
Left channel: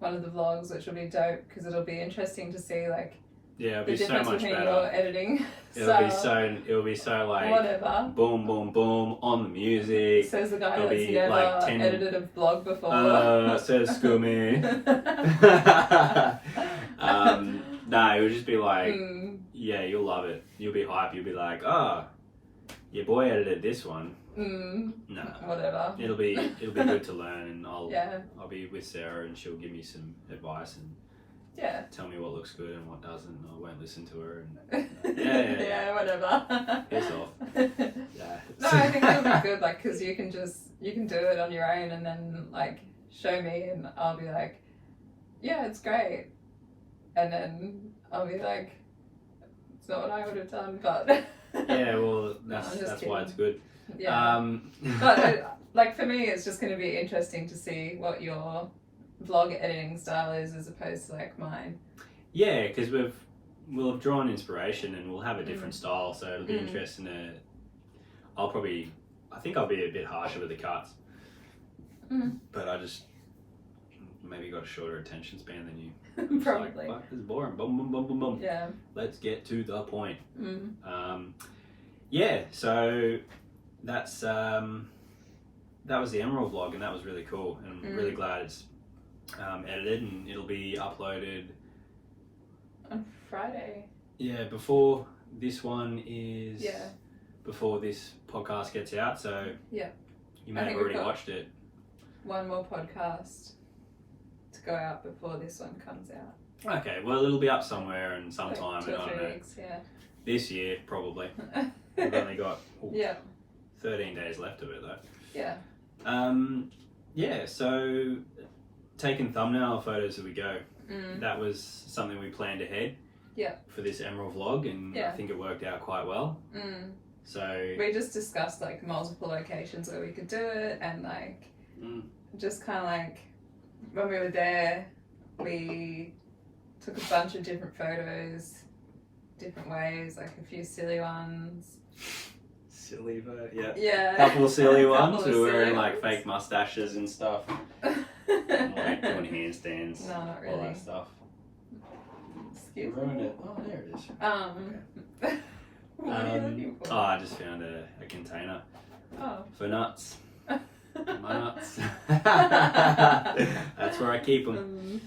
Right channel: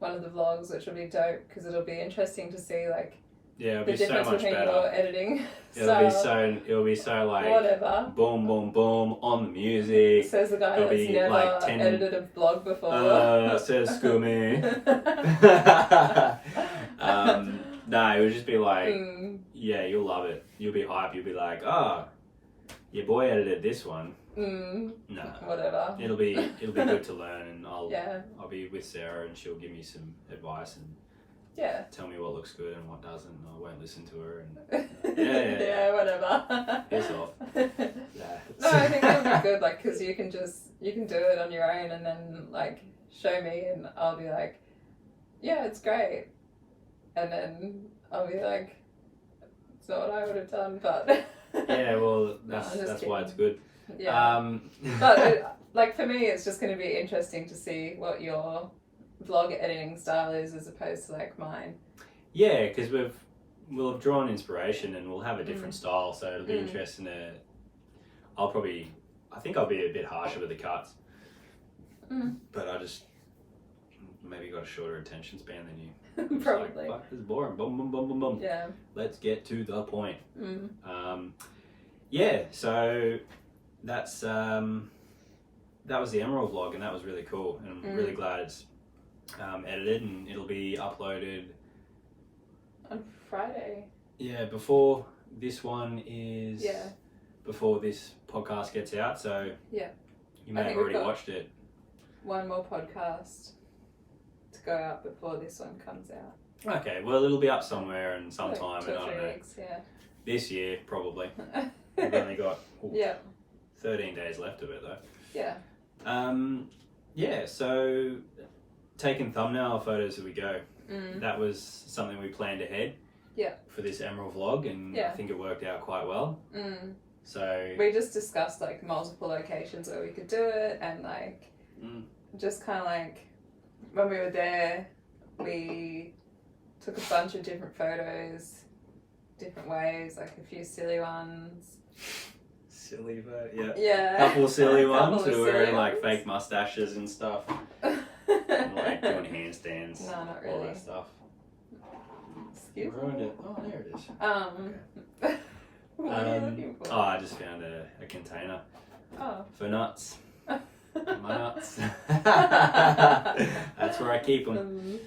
one of the vlogs, which will be dope, because it'll be interesting to see like it'll the be so difference much between better. your editing. It'll be so like whatever. Boom, boom, boom on the music. Says the guy It'll that's be never like 10 edited a vlog before. Says Scoomy. No, it would just be like, you'll love it. You'll be hyped. You'll be like, your boy edited this one. No, whatever. It'll be good to learn, and I'll be with Sarah, and she'll give me some advice and tell me what looks good and what doesn't. I won't listen to her. And, whatever. Piss off. No, I think it'll be good, like, because you can just you can do it on your own and then like show me and I'll be like, yeah, it's great. And then I'll be like, it's not what I would have done, but Yeah, well, No, that's I'm just why it's kidding. good. yeah. But like for me, it's just going to be interesting to see what your vlog editing style is as opposed to like mine. Yeah, because we'll have drawn inspiration and we'll have a different style, so it'll be interesting to. I think I'll be a bit harsher with the cuts, but I just maybe got a shorter attention span than you. It's Probably. like, fuck, this is boring. Boom, boom, boom, boom, boom. Yeah. Let's get to the point. Mm. Yeah, so that's that was the Emerald vlog, and that was really cool, and I'm really glad it's edited and it'll be uploaded On Friday. Yeah, before this one is. Yeah. Before this podcast gets out, so Yeah. you may I have think already we've got- watched it. One more podcast to go out before this one comes out. Okay, well it'll be up somewhere and sometime, Like 2 and I or don't 3 know. weeks, yeah. This year probably. We've only got Yeah. 13 days left of it though. Yeah. Yeah, so taking thumbnail photos as we go. Mm. That was something we planned ahead. Yeah. For this Emerald vlog, and Yeah. I think it worked out quite well. Mm. So We just discussed like multiple locations where we could do it, and like just kind of like when we were there, we took a bunch of different photos, different ways, like a few silly ones. silly, but yeah. Yeah. Couple of silly Couple ones of who were silly wearing like ones. fake mustaches and stuff. Like doing handstands, No, not all really. that stuff. Excuse me. Ruined it. Oh, there it is. What are you looking for? Oh, I just found a container Oh. for nuts. My nuts. That's where I keep them.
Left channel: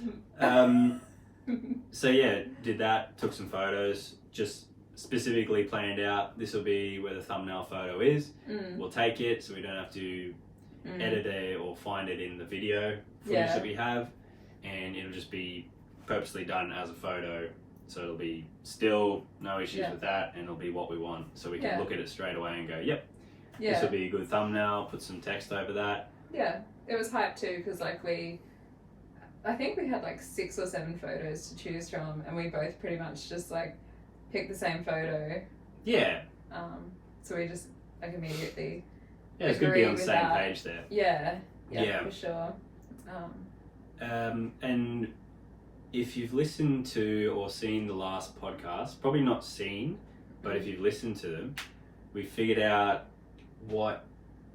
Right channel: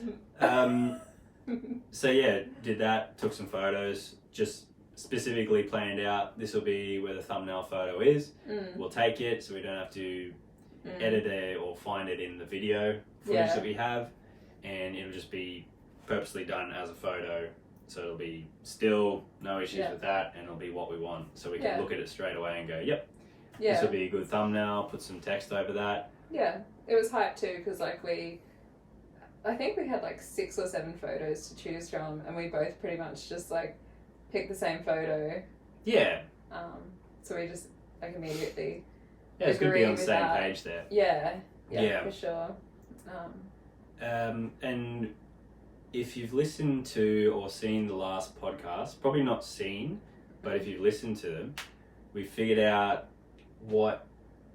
So yeah, did that. Took some photos. Just specifically planned out. This will be where the thumbnail photo is. We'll take it, so we don't have to edit it or find it in the video footage that we have, and it'll just be purposely done as a photo, so it'll be still no issues with that, and it'll be what we want, so we can look at it straight away and go, yep, this will be a good thumbnail. Put some text over that. Yeah, it was hype too, because like I think we had like 6 or 7 photos to choose from, and we both pretty much just like picked the same photo. Yeah. So we just like immediately. Yeah, it's good to be on the agree same with that. page there. Yeah, for sure. And if you've listened to or seen the last podcast, probably not seen, but if you've listened to them, we figured out what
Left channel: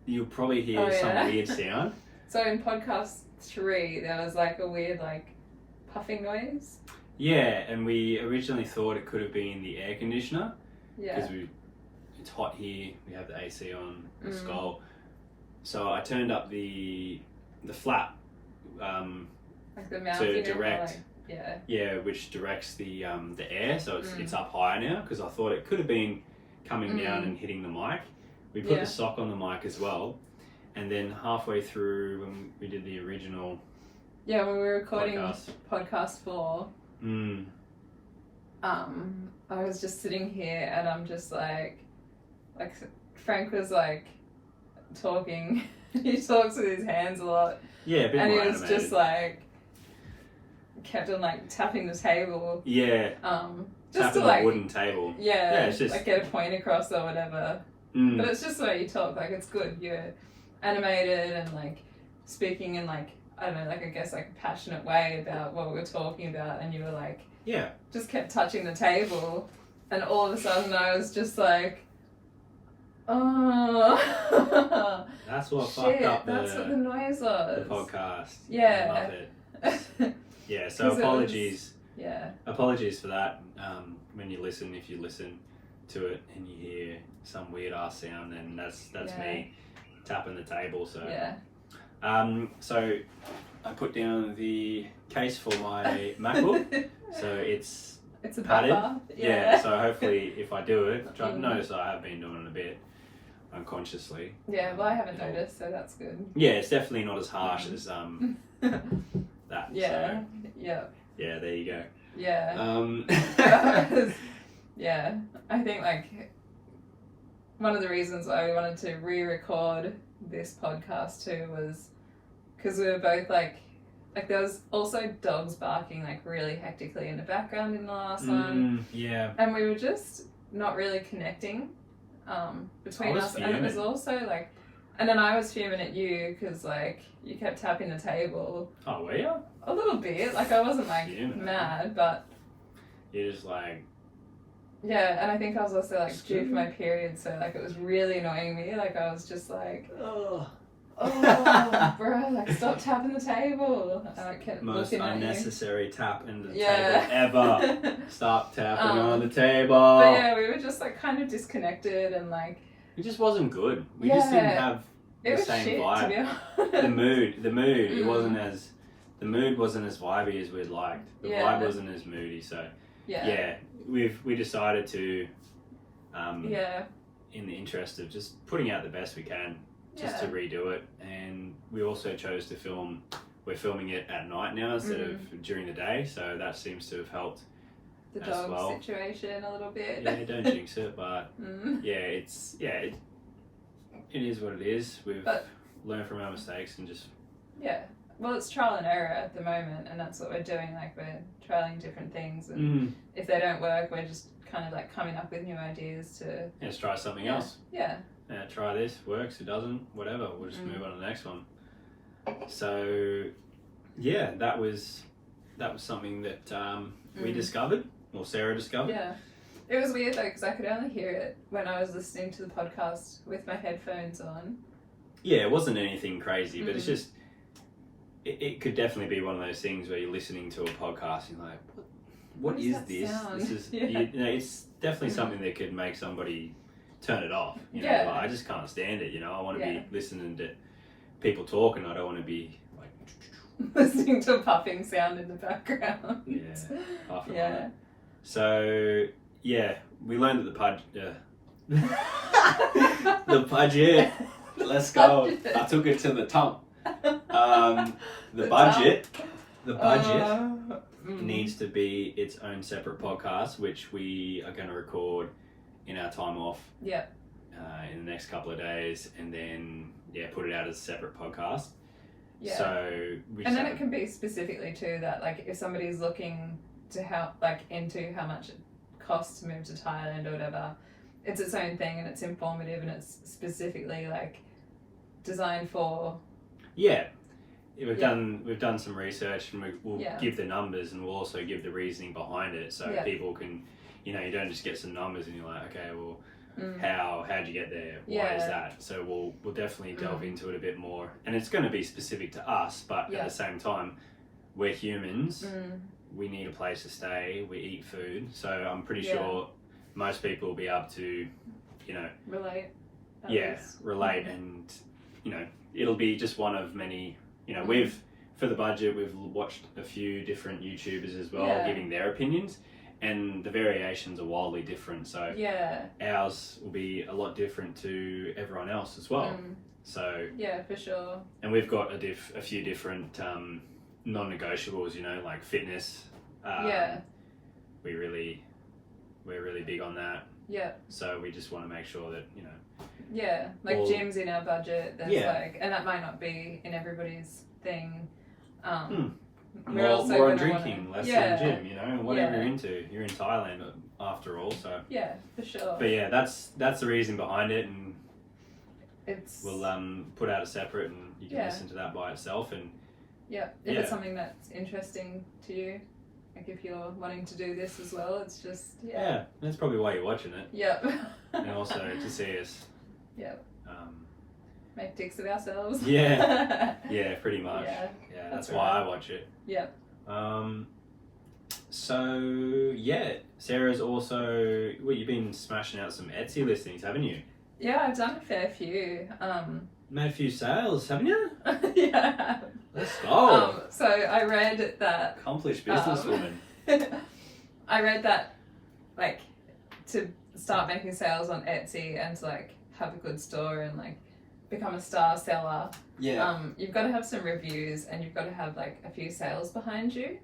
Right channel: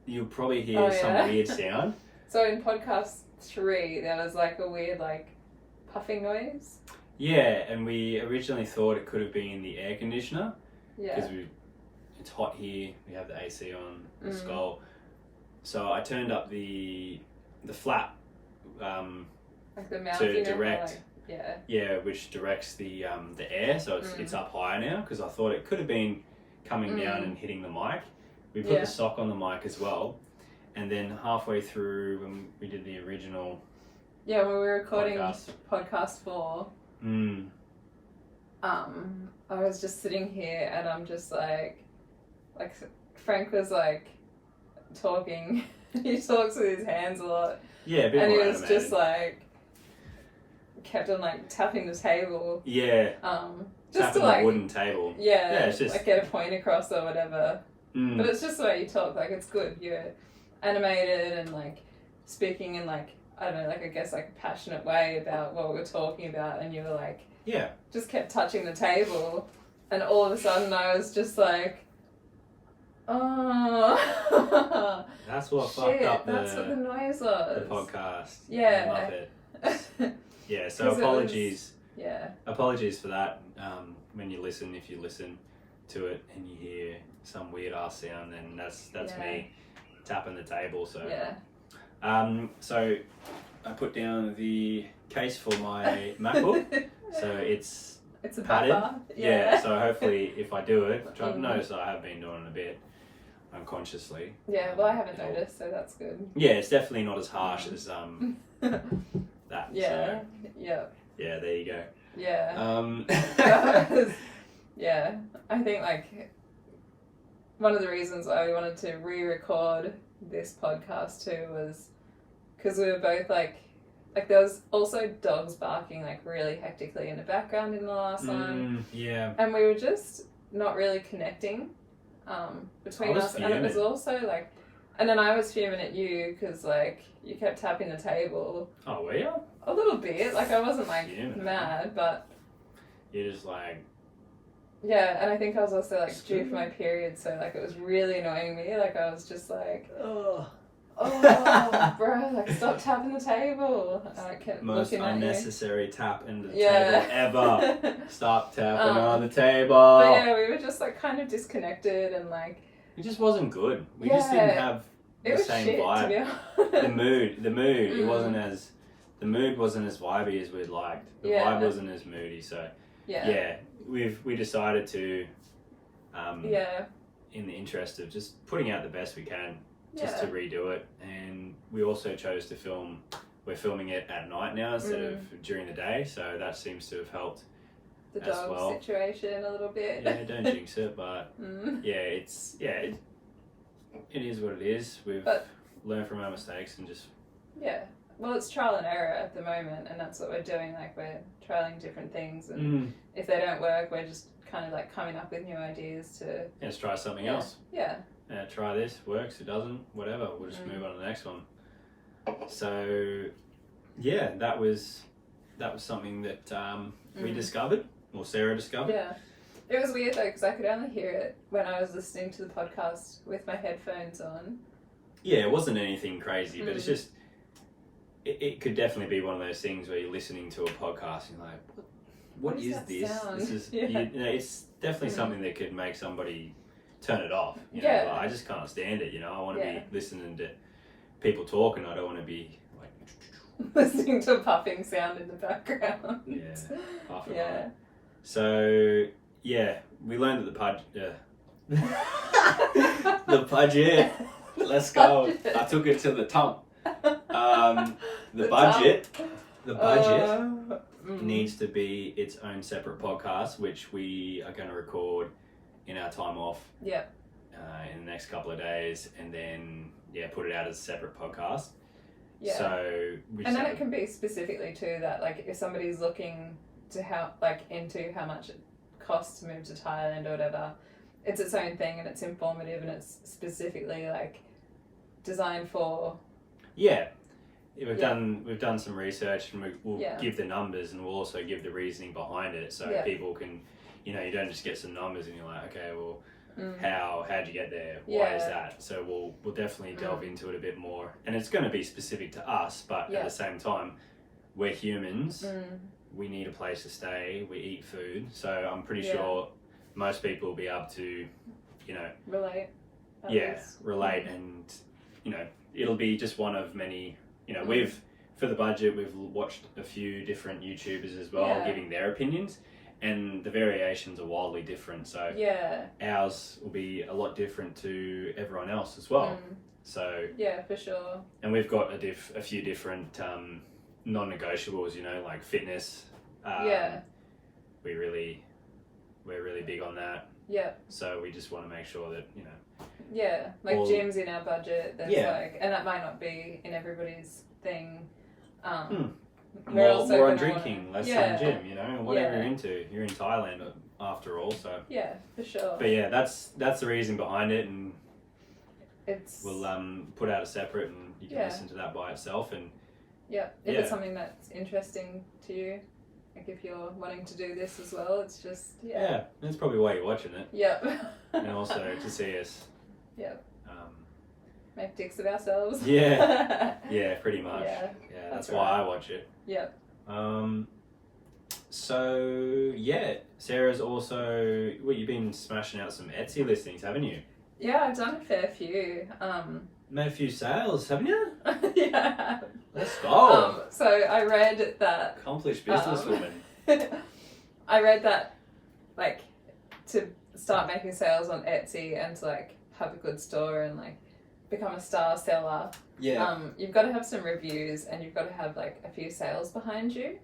you'll probably hear some weird sound. So in podcast 3, there was like a weird like puffing noise. Yeah, and we originally thought it could have been the air conditioner because it's hot here. We have the AC on the skull, so I turned up the flap like the mouth to direct. Like, which directs the air, so it's up higher now, because I thought it could have been coming down and hitting the mic. We put the sock on the mic as well, and then halfway through when we did the original when we were recording podcast. 4, I was just sitting here and I'm just like Frank was like talking. He talks with his hands a lot. Yeah, a bit and more he was animated. just like kept on like tapping the table. Yeah. Just tapping to like the wooden table. Yeah, it's just like get a point across or whatever. But it's just the way you talk. Like it's good. You're animated and like speaking in like I don't know, like I guess like a passionate way about what we were talking about, and you were like just kept touching the table, and all of a sudden I was just like, oh. That's what Shit, fucked up that's what the noise was. the podcast. Yeah. I love it. Yeah, so apologies. Apologies for that. When you listen, if you listen to it and you hear some weird ass sound, then that's me tapping the table. So so I put down the case for my MacBook. So it's a padded. buffer. So hopefully if I do it, which I've noticed I have been doing it a bit unconsciously. Yeah, well I haven't noticed, so that's good. Yeah, it's definitely not as harsh as that. Yeah. So, yeah, there you go. Yeah. Yeah. I think like one of the reasons I wanted to re-record this podcast too was because we were both like there was also dogs barking like really hectically in the background in the last one. Yeah. And we were just not really connecting between us. Fuming. And it was also like, and then I was fuming at you because like you kept tapping the table. Oh, were you? A little bit. Like I wasn't like Fuming. mad, but You're just like... yeah, and I think I was also like due for my period, so like it was really annoying me. Like I was just like, oh, bro, like stop tapping the table. And I kept Most looking at unnecessary tap into the Yeah. table ever. Stop tapping on the But table. yeah, we were just like kind of disconnected and like It just wasn't good. We just didn't Yeah. have it the was same shit, vibe. to be honest. The mood. It Mm. wasn't as... The mood wasn't as vibey as we'd liked. The Yeah. vibe wasn't as moody. So Yeah. yeah, we decided to, Yeah. in the interest of just putting out the best we can, just Yeah. to redo it. And we also chose to film. We're filming it at night now instead of during the day, so that seems to have helped The as dog well. situation a little bit. Yeah, don't jinx it, but it is what it is. We've But- learned from our mistakes and just Yeah. Well, it's trial and error at the moment, and that's what we're doing. Like we're trialing different things, and if they don't work, we're just kind of like coming up with new ideas to let's try something else. Yeah. Try this, works, it doesn't, whatever. We'll just move on to the next one. So yeah, that was something that we discovered, or Sarah discovered. Yeah. It was weird though because I could only hear it when I was listening to the podcast with my headphones on. Yeah, it wasn't anything crazy, but it's just it could definitely be one of those things where you're listening to a podcast and you're like, what is that this? sound? This is Yeah. you know, it's definitely something that could make somebody turn it off. You know, Yeah. like, I just can't stand it. You know, I want to Yeah. be listening to people talk, and I don't want to be like Listening to a puffing sound in the background. Yeah, puffing on Yeah. it. So yeah, we learned that the budget. Let's go. I took it to the top. The budget needs to be its own separate podcast, which we are going to record in our time off. Yep. In the next couple of days, and then put it out as a separate podcast. Yeah. So and then it can be specifically too that like if somebody's looking to help like into how much it costs to move to Thailand or whatever, it's its own thing and it's informative and it's specifically like designed for. Yeah. We've done some research, and we'll Yeah. give the numbers, and we'll also give the reasoning behind it, so people can, you don't just get some numbers and you're like, okay, well, how'd you get there? Why is that? So we'll definitely delve into it a bit more, and it's going to be specific to us, but at the same time, we're humans. We need a place to stay. We eat food, so I'm pretty sure most people will be able to, Relate. relate, and it'll be just one of many. For the budget, we've watched a few different YouTubers as well, giving their opinions, and the variations are wildly different. So ours will be a lot different to everyone else as well. So yeah, for sure. And we've got a few different non-negotiables. Like fitness. We're really big on that. Yeah. So we just want to make sure that Yeah, like gyms in our budget. That's like, and that might not be in everybody's thing. More on drinking, less on gym. Whatever you're into. You're in Thailand after all, so yeah, for sure. But yeah, that's the reason behind it, and we'll put out a separate, and you can listen to that by itself, and if it's something that's interesting to you. Like if you're wanting to do this as well, it's just that's probably why you're watching it. Yep. And also to see us. Yep. Make dicks of ourselves. Yeah, pretty much. Yeah, that's why I watch it. Yep. So Sarah's also you've been smashing out some Etsy listings, haven't you? Yeah, I've done a fair few. Made a few sales, haven't you? Yeah. Let's go. So I read that accomplished businesswoman. I read that like to start making sales on Etsy and to like have a good store and like become a star seller. You've got to have some reviews and you've got to have like a few sales behind you.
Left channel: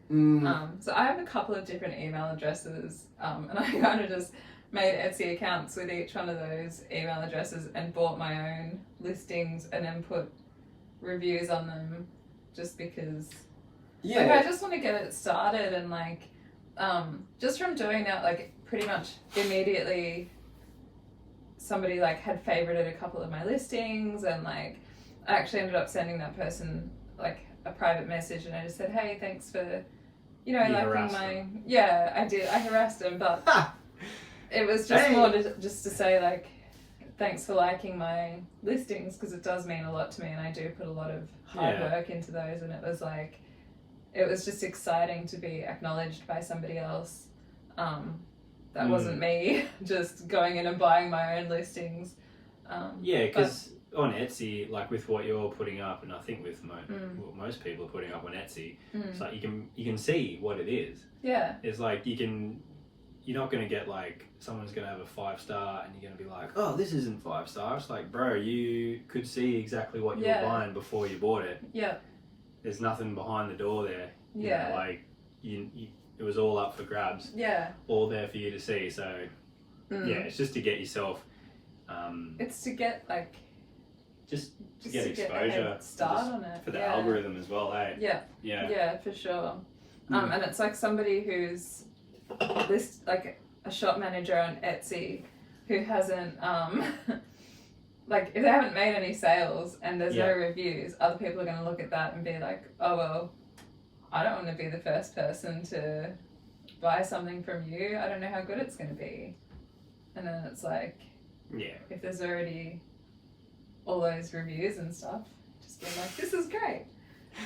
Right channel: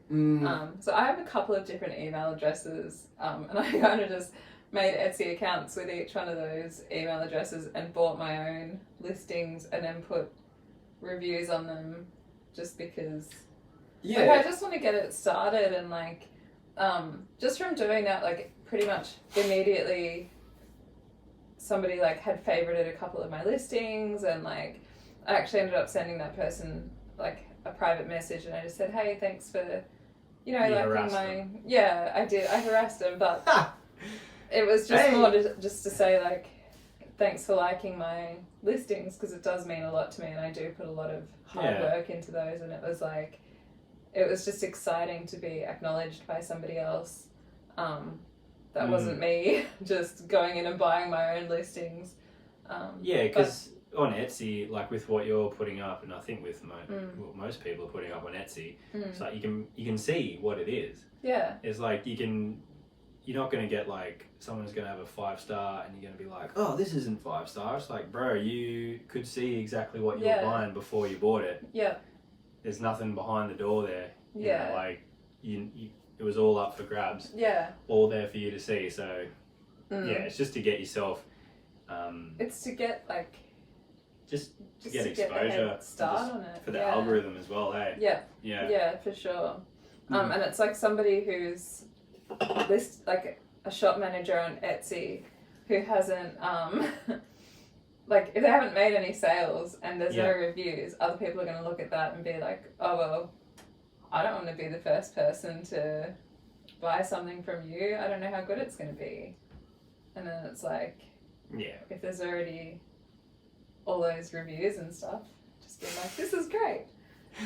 So I have a couple of different email addresses, and I kind of just made Etsy accounts with each one of those email addresses and bought my own listings and then put reviews on them just because like, I just want to get it started and like just from doing that, like pretty much immediately somebody like had favorited a couple of my listings and like I actually ended up sending that person like a private message and I just said, hey, thanks for you liking my them. yeah, I did. I harassed him, but it was just more just to say like thanks for liking my listings because it does mean a lot to me and I do put a lot of hard work into those and it was like it was just exciting to be acknowledged by somebody else. That wasn't me just going in and buying my own listings. Because on Etsy, like with what you're putting up, and I think with what most people are putting up on Etsy, it's like you can see what it is. Yeah. It's like you're not going to get like someone's going to have a 5-star and you're going to be like, oh, this isn't 5 stars. Like, bro, you could see exactly what you were buying before you bought it. Yeah. There's nothing behind the door there. You know, like you it was all up for grabs. Yeah. All there for you to see. So it's just to get yourself. It's to get like. Just to get exposure. Start on it. For the algorithm as well, hey. Yeah. Yeah. Yeah, for sure. And it's like somebody who's like a shop manager on Etsy who hasn't like if they haven't made any sales and there's no reviews, other people are going to look at that and be like, oh well, I don't want to be the first person to buy something from you. I don't know how good it's going to be. And then it's like, if there's already all those reviews and stuff, just be like, this is great.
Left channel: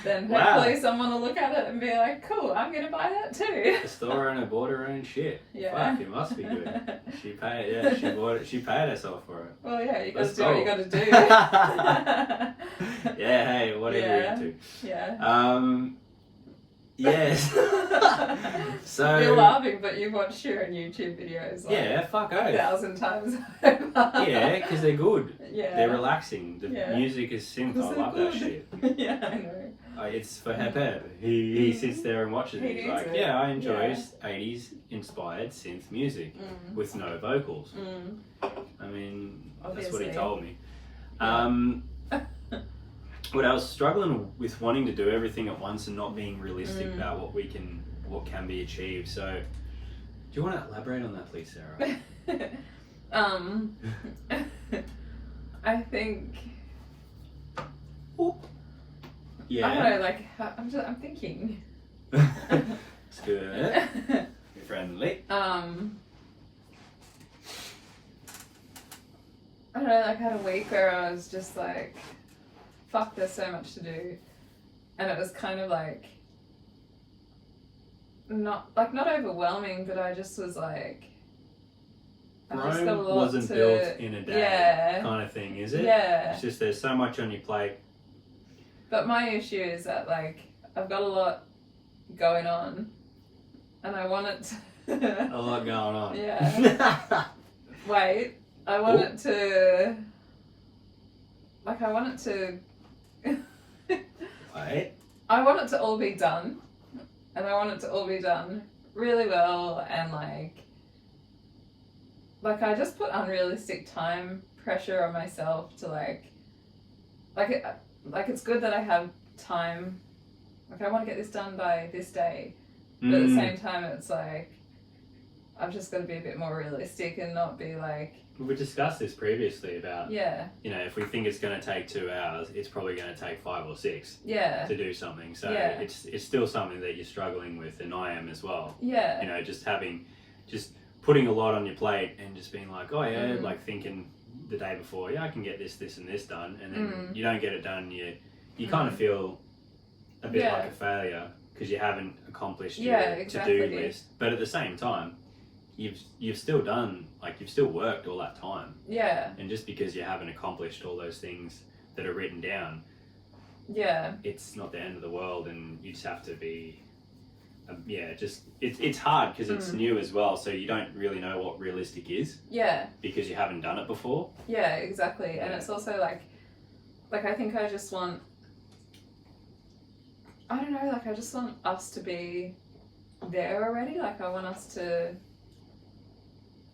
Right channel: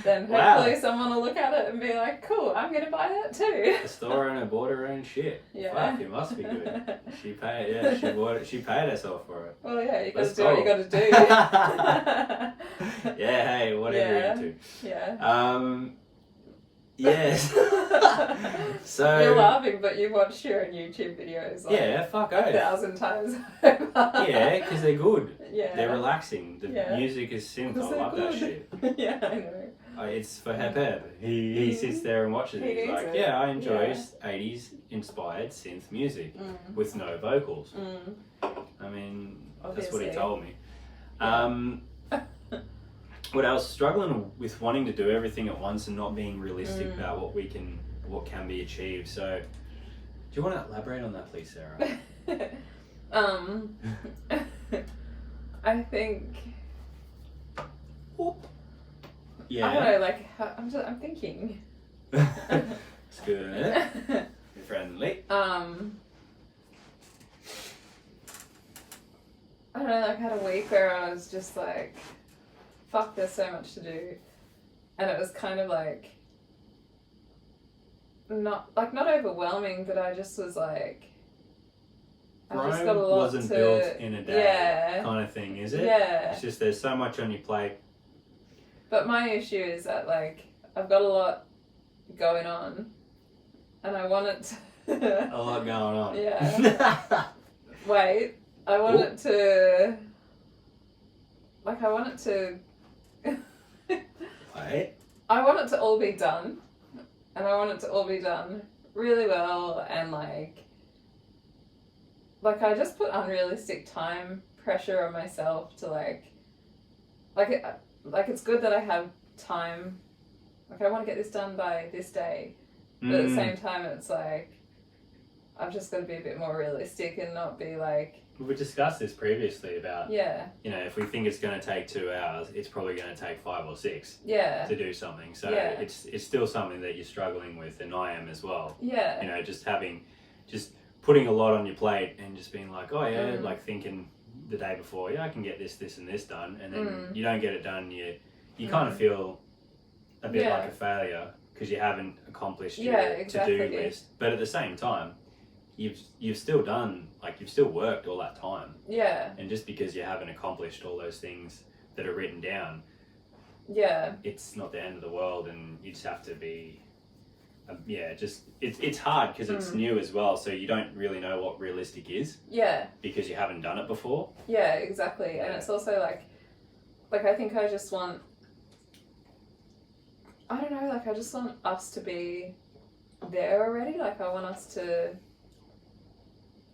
Then hopefully someone will look at it and be like, cool, I'm going to buy that too. The store owner bought her own shit. Yeah. Fuck, it must be good. She paid, she bought it, she paid herself for it. Well, yeah, you got to do what you got to do. Yeah, hey, whatever you're into. Yeah. Yes. So you're laughing, but you've watched your own YouTube videos like fuck 1,000 times. Yeah, because they're good. Yeah. They're relaxing. The music is synth. I love that shit. Yeah, I know. It's for Hepeb. He sits there and watches it. He's like, I enjoy 80s inspired synth music with no vocals. I mean, that's what he told me. What else? Struggling with wanting to do everything at once and not being realistic about what can be achieved. So, do you want to elaborate on that, please, Sarah? I think. Yeah. I don't know. Like I'm thinking. It's good. Friendly. I don't know. Like I had a week where I was just like, fuck, there's so much to do, and it was kind of like not overwhelming, but I just was like, I just got a lot wasn't built in a day kind of thing, is it? Yeah. It's just there's so much on your plate. But my issue is that like I've got a lot going on, and I want it to A lot going on. Yeah. Wait, I want it to. Like, I want it to. Wait. I want it to all be done. And I want it to all be done really well and like I just put unrealistic time pressure on myself to like it's good that I have time. Like I want to get this done by this day. But at the same time it's like I've just got to be a bit more realistic and not be like. We discussed this previously about, yeah, you know, if we think it's going to take 2 hours, it's probably going to take 5 or 6 yeah, to do something. So yeah, it's still something that you're struggling with, and I am as well. Yeah. You know, just putting a lot on your plate and just being like, oh yeah, like thinking the day before, yeah, I can get this, this and this done. And then you don't get it done. You kind of feel a bit like a failure because you haven't accomplished your to-do list. But at the same time, you've still done, like, you've still worked all that time. Yeah. And just because you haven't accomplished all those things that are written down, it's not the end of the world, and you just have to be, it's hard because it's new as well, so you don't really know what realistic is. Yeah. Because you haven't done it before. Yeah, exactly. And it's also like I think I just want, I don't know, like I just want us to be there already. Like I want us to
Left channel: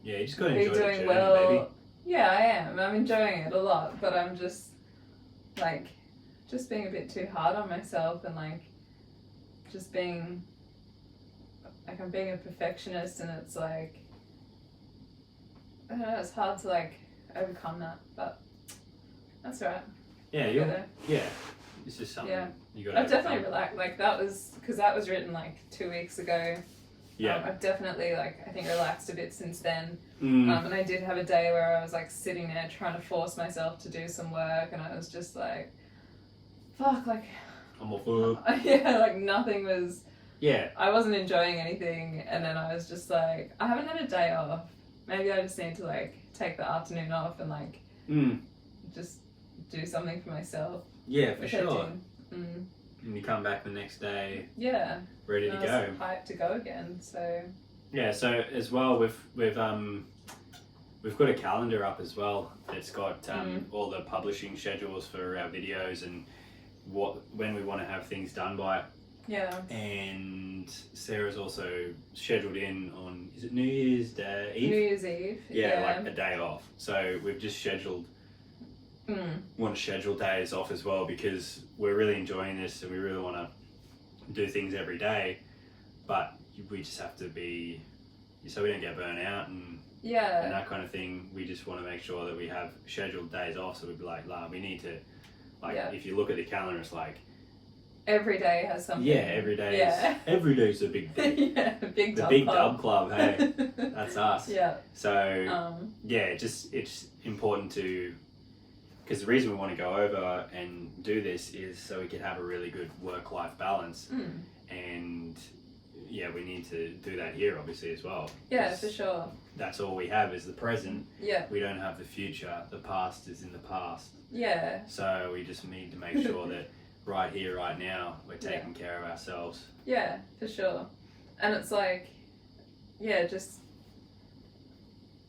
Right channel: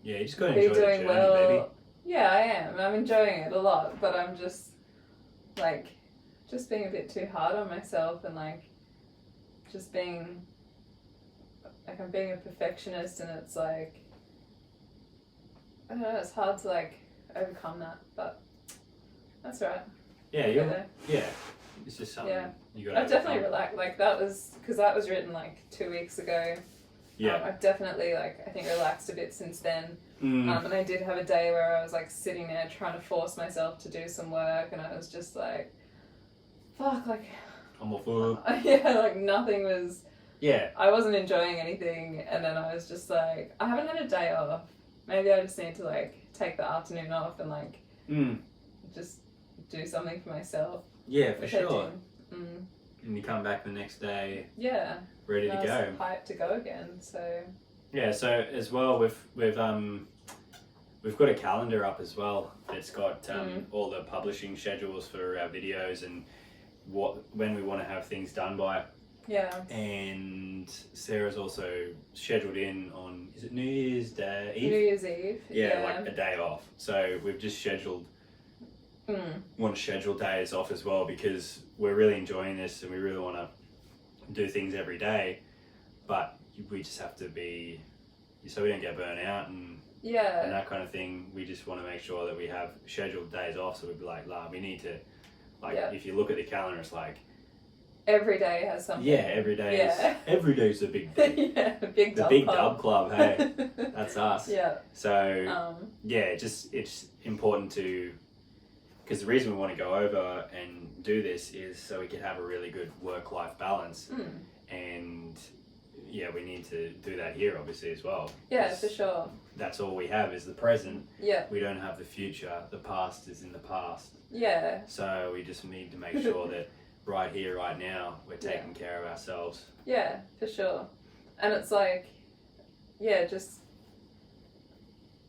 Yeah, you just got to be enjoy the doing journey, well. baby. Yeah, I am. I'm enjoying it a lot, but I'm just like just being a bit too hard on myself and like just being like I'm being a perfectionist, and it's like I don't know, it's hard to like overcome that, but that's right. Yeah, yeah. It's just something you got to. I've definitely relaxed. Like that was because that was written like 2 weeks ago. Yeah. I've definitely like I think relaxed a bit since then. Mm. And I did have a day where I was like sitting there trying to force myself to do some work, and I was just like, fuck, like I'm off work. yeah, like nothing was. Yeah. I wasn't enjoying anything, and then I was just like, I haven't had a day off. Maybe I just need to like take the afternoon off and like just do something for myself. Yeah, for sure. Mm. And you come back the next day. Yeah. Ready to go. Hyped to go again. So. Yeah. So as well, we've got a calendar up as well. It's got all the publishing schedules for our videos and when we want to have things done by. Yeah. And Sarah's also scheduled in on, is it New Year's Day? New Year's Eve. Yeah, like a day off. So we've just scheduled, want to schedule days off as well because we're really enjoying this and we really want to do things every day. But we just have to be, so we don't get burnt out and that kind of thing. We just want to make sure that we have scheduled days off. So we'd be like, we need to, if you look at the calendar, it's like, every day has something. Yeah, every day is a big day. Yeah, big dub club, hey. That's us. Yeah. So, it's important to, because the reason we want to go over and do this is so we can have a really good work-life balance. And, we need to do that here, obviously, as well. Yeah, for sure. That's all we have is the present. Yeah. We don't have the future. The past is in the past. Yeah. So we just need to make sure that right here, right now, we're taking care of ourselves. Yeah, for sure. And it's like, just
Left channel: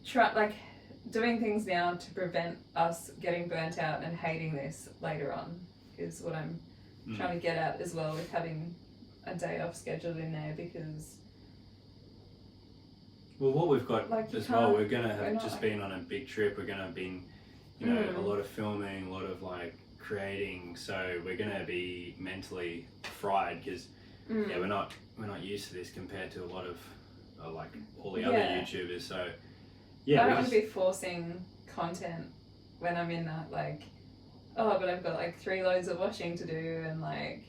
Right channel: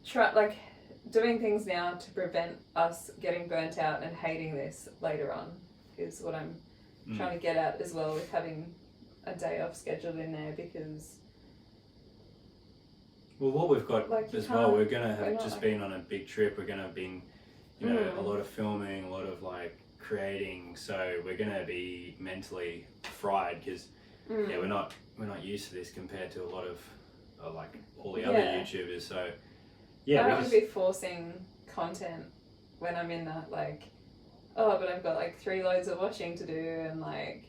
try like doing things now to prevent us getting burnt out and hating this later on is what I'm trying to get at as well with having a day off scheduled in there because. Well, what we've got as well, we're gonna have just been on a big trip. We're gonna have been, a lot of filming, a lot of like creating, so we're gonna be mentally fried because we're not used to this compared to a lot of like all the other YouTubers. So I don't want to be forcing content when I'm in that like, but I've got like 3 loads of washing to do and like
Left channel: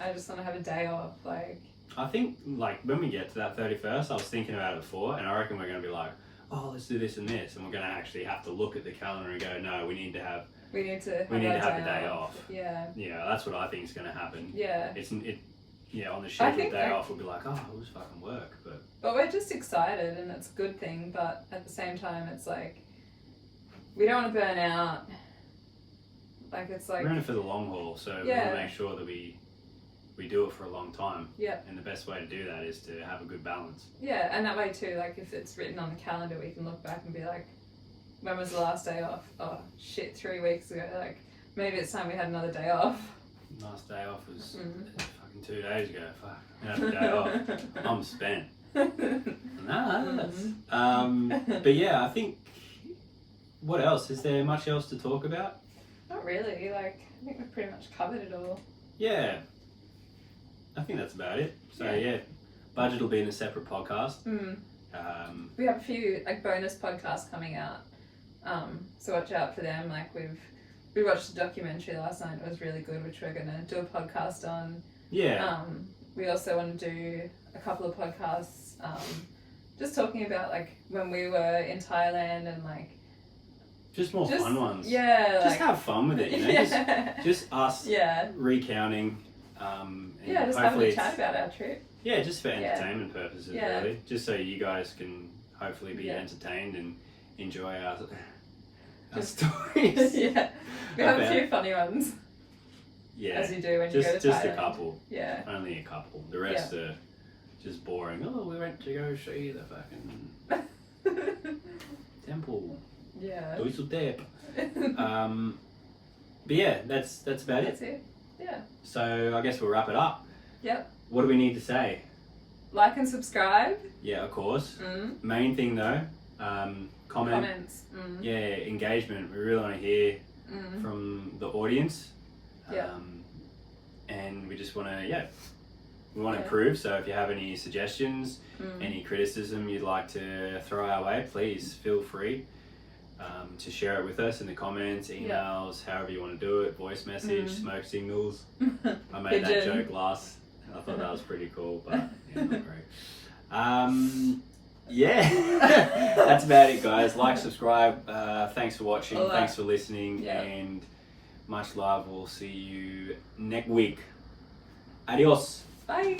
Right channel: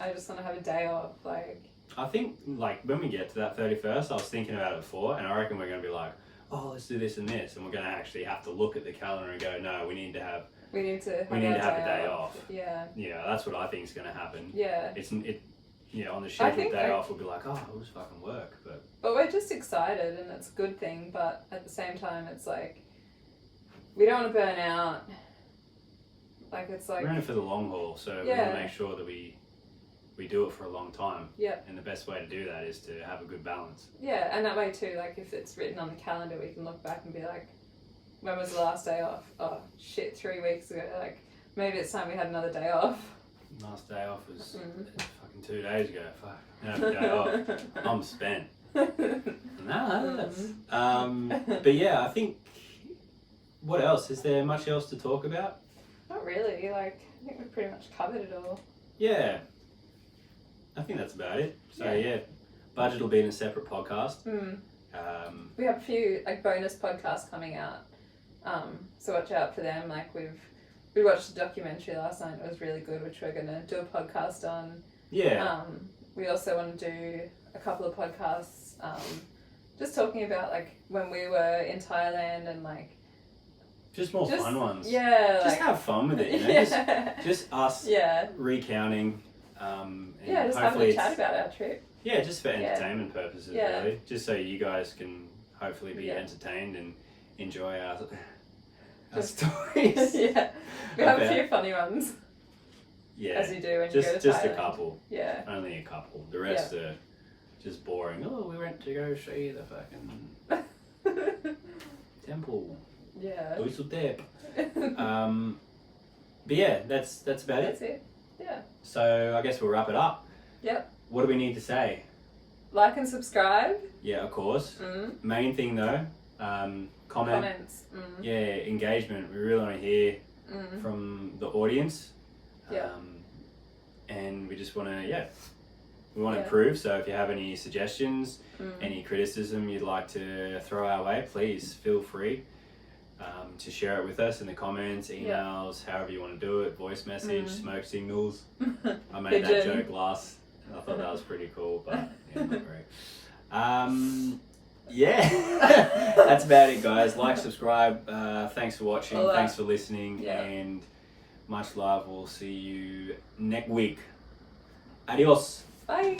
I just want to have a day off. Like I think like when we get to that 31st, I was thinking about it before, and I reckon we're gonna be like, let's do this and this, and we're gonna actually have to look at the calendar and go, no, we need to have a day off. Yeah, that's what I think is going to happen. Yeah. On the scheduled day off, we'll be like, it was fucking work. But we're just excited and it's a good thing, but at the same time, it's like, we don't want to burn out. Like, it's like... We're in it for the long haul, so we want to make sure that we do it for a long time. Yeah. And the best way to do that is to have a good balance. Yeah, and that way too, like, if it's written on the calendar, we can look back and be like, when was the last day off? Oh shit, 3 weeks ago. Like maybe it's time we had another day off. Last day off was fucking 2 days ago. Fuck, I had a day off. I'm spent. But yeah, I think. What else? Is there much else to talk about? Not really. Like I think we've pretty much covered it all. Yeah, I think that's about it. So budget will be in a separate podcast. We have a few like bonus podcasts coming out. So watch out for them. Like we watched the documentary last night. It was really good, which we're gonna do a podcast on. Yeah. We also want to do a couple of podcasts, just talking about like when we were in Thailand and like. Just more fun ones. Yeah. Just have fun with it, you know. Just us. Recounting. And just having a chat about our trip. Yeah, just for entertainment purposes, really. Just so you guys can hopefully be entertained and enjoy our stories. We have a few funny ones. Yeah, as you do when you go to Thailand. Just a couple. Yeah, only a couple. The rest are just boring. Oh, we went to go see the fucking temple. Yeah. Duiseldep. But yeah, that's about it. That's it. Yeah. So I guess we'll wrap it up. Yep. What do we need to say? Like and subscribe. Yeah, of course. Main thing though, Comments. Yeah, engagement. We really want to hear from the audience. Yeah. And we just want to, we want to improve. So if you have any suggestions, any criticism you'd like to throw our way, please feel free to share it with us in the comments, emails, however you want to do it, voice message, smoke signals. I made that joke last. I thought that was pretty cool, but yeah, not great. That's about it, guys. Like, subscribe. Thanks for watching. Thanks for listening, and much love. We'll see you next week. Adios. Bye.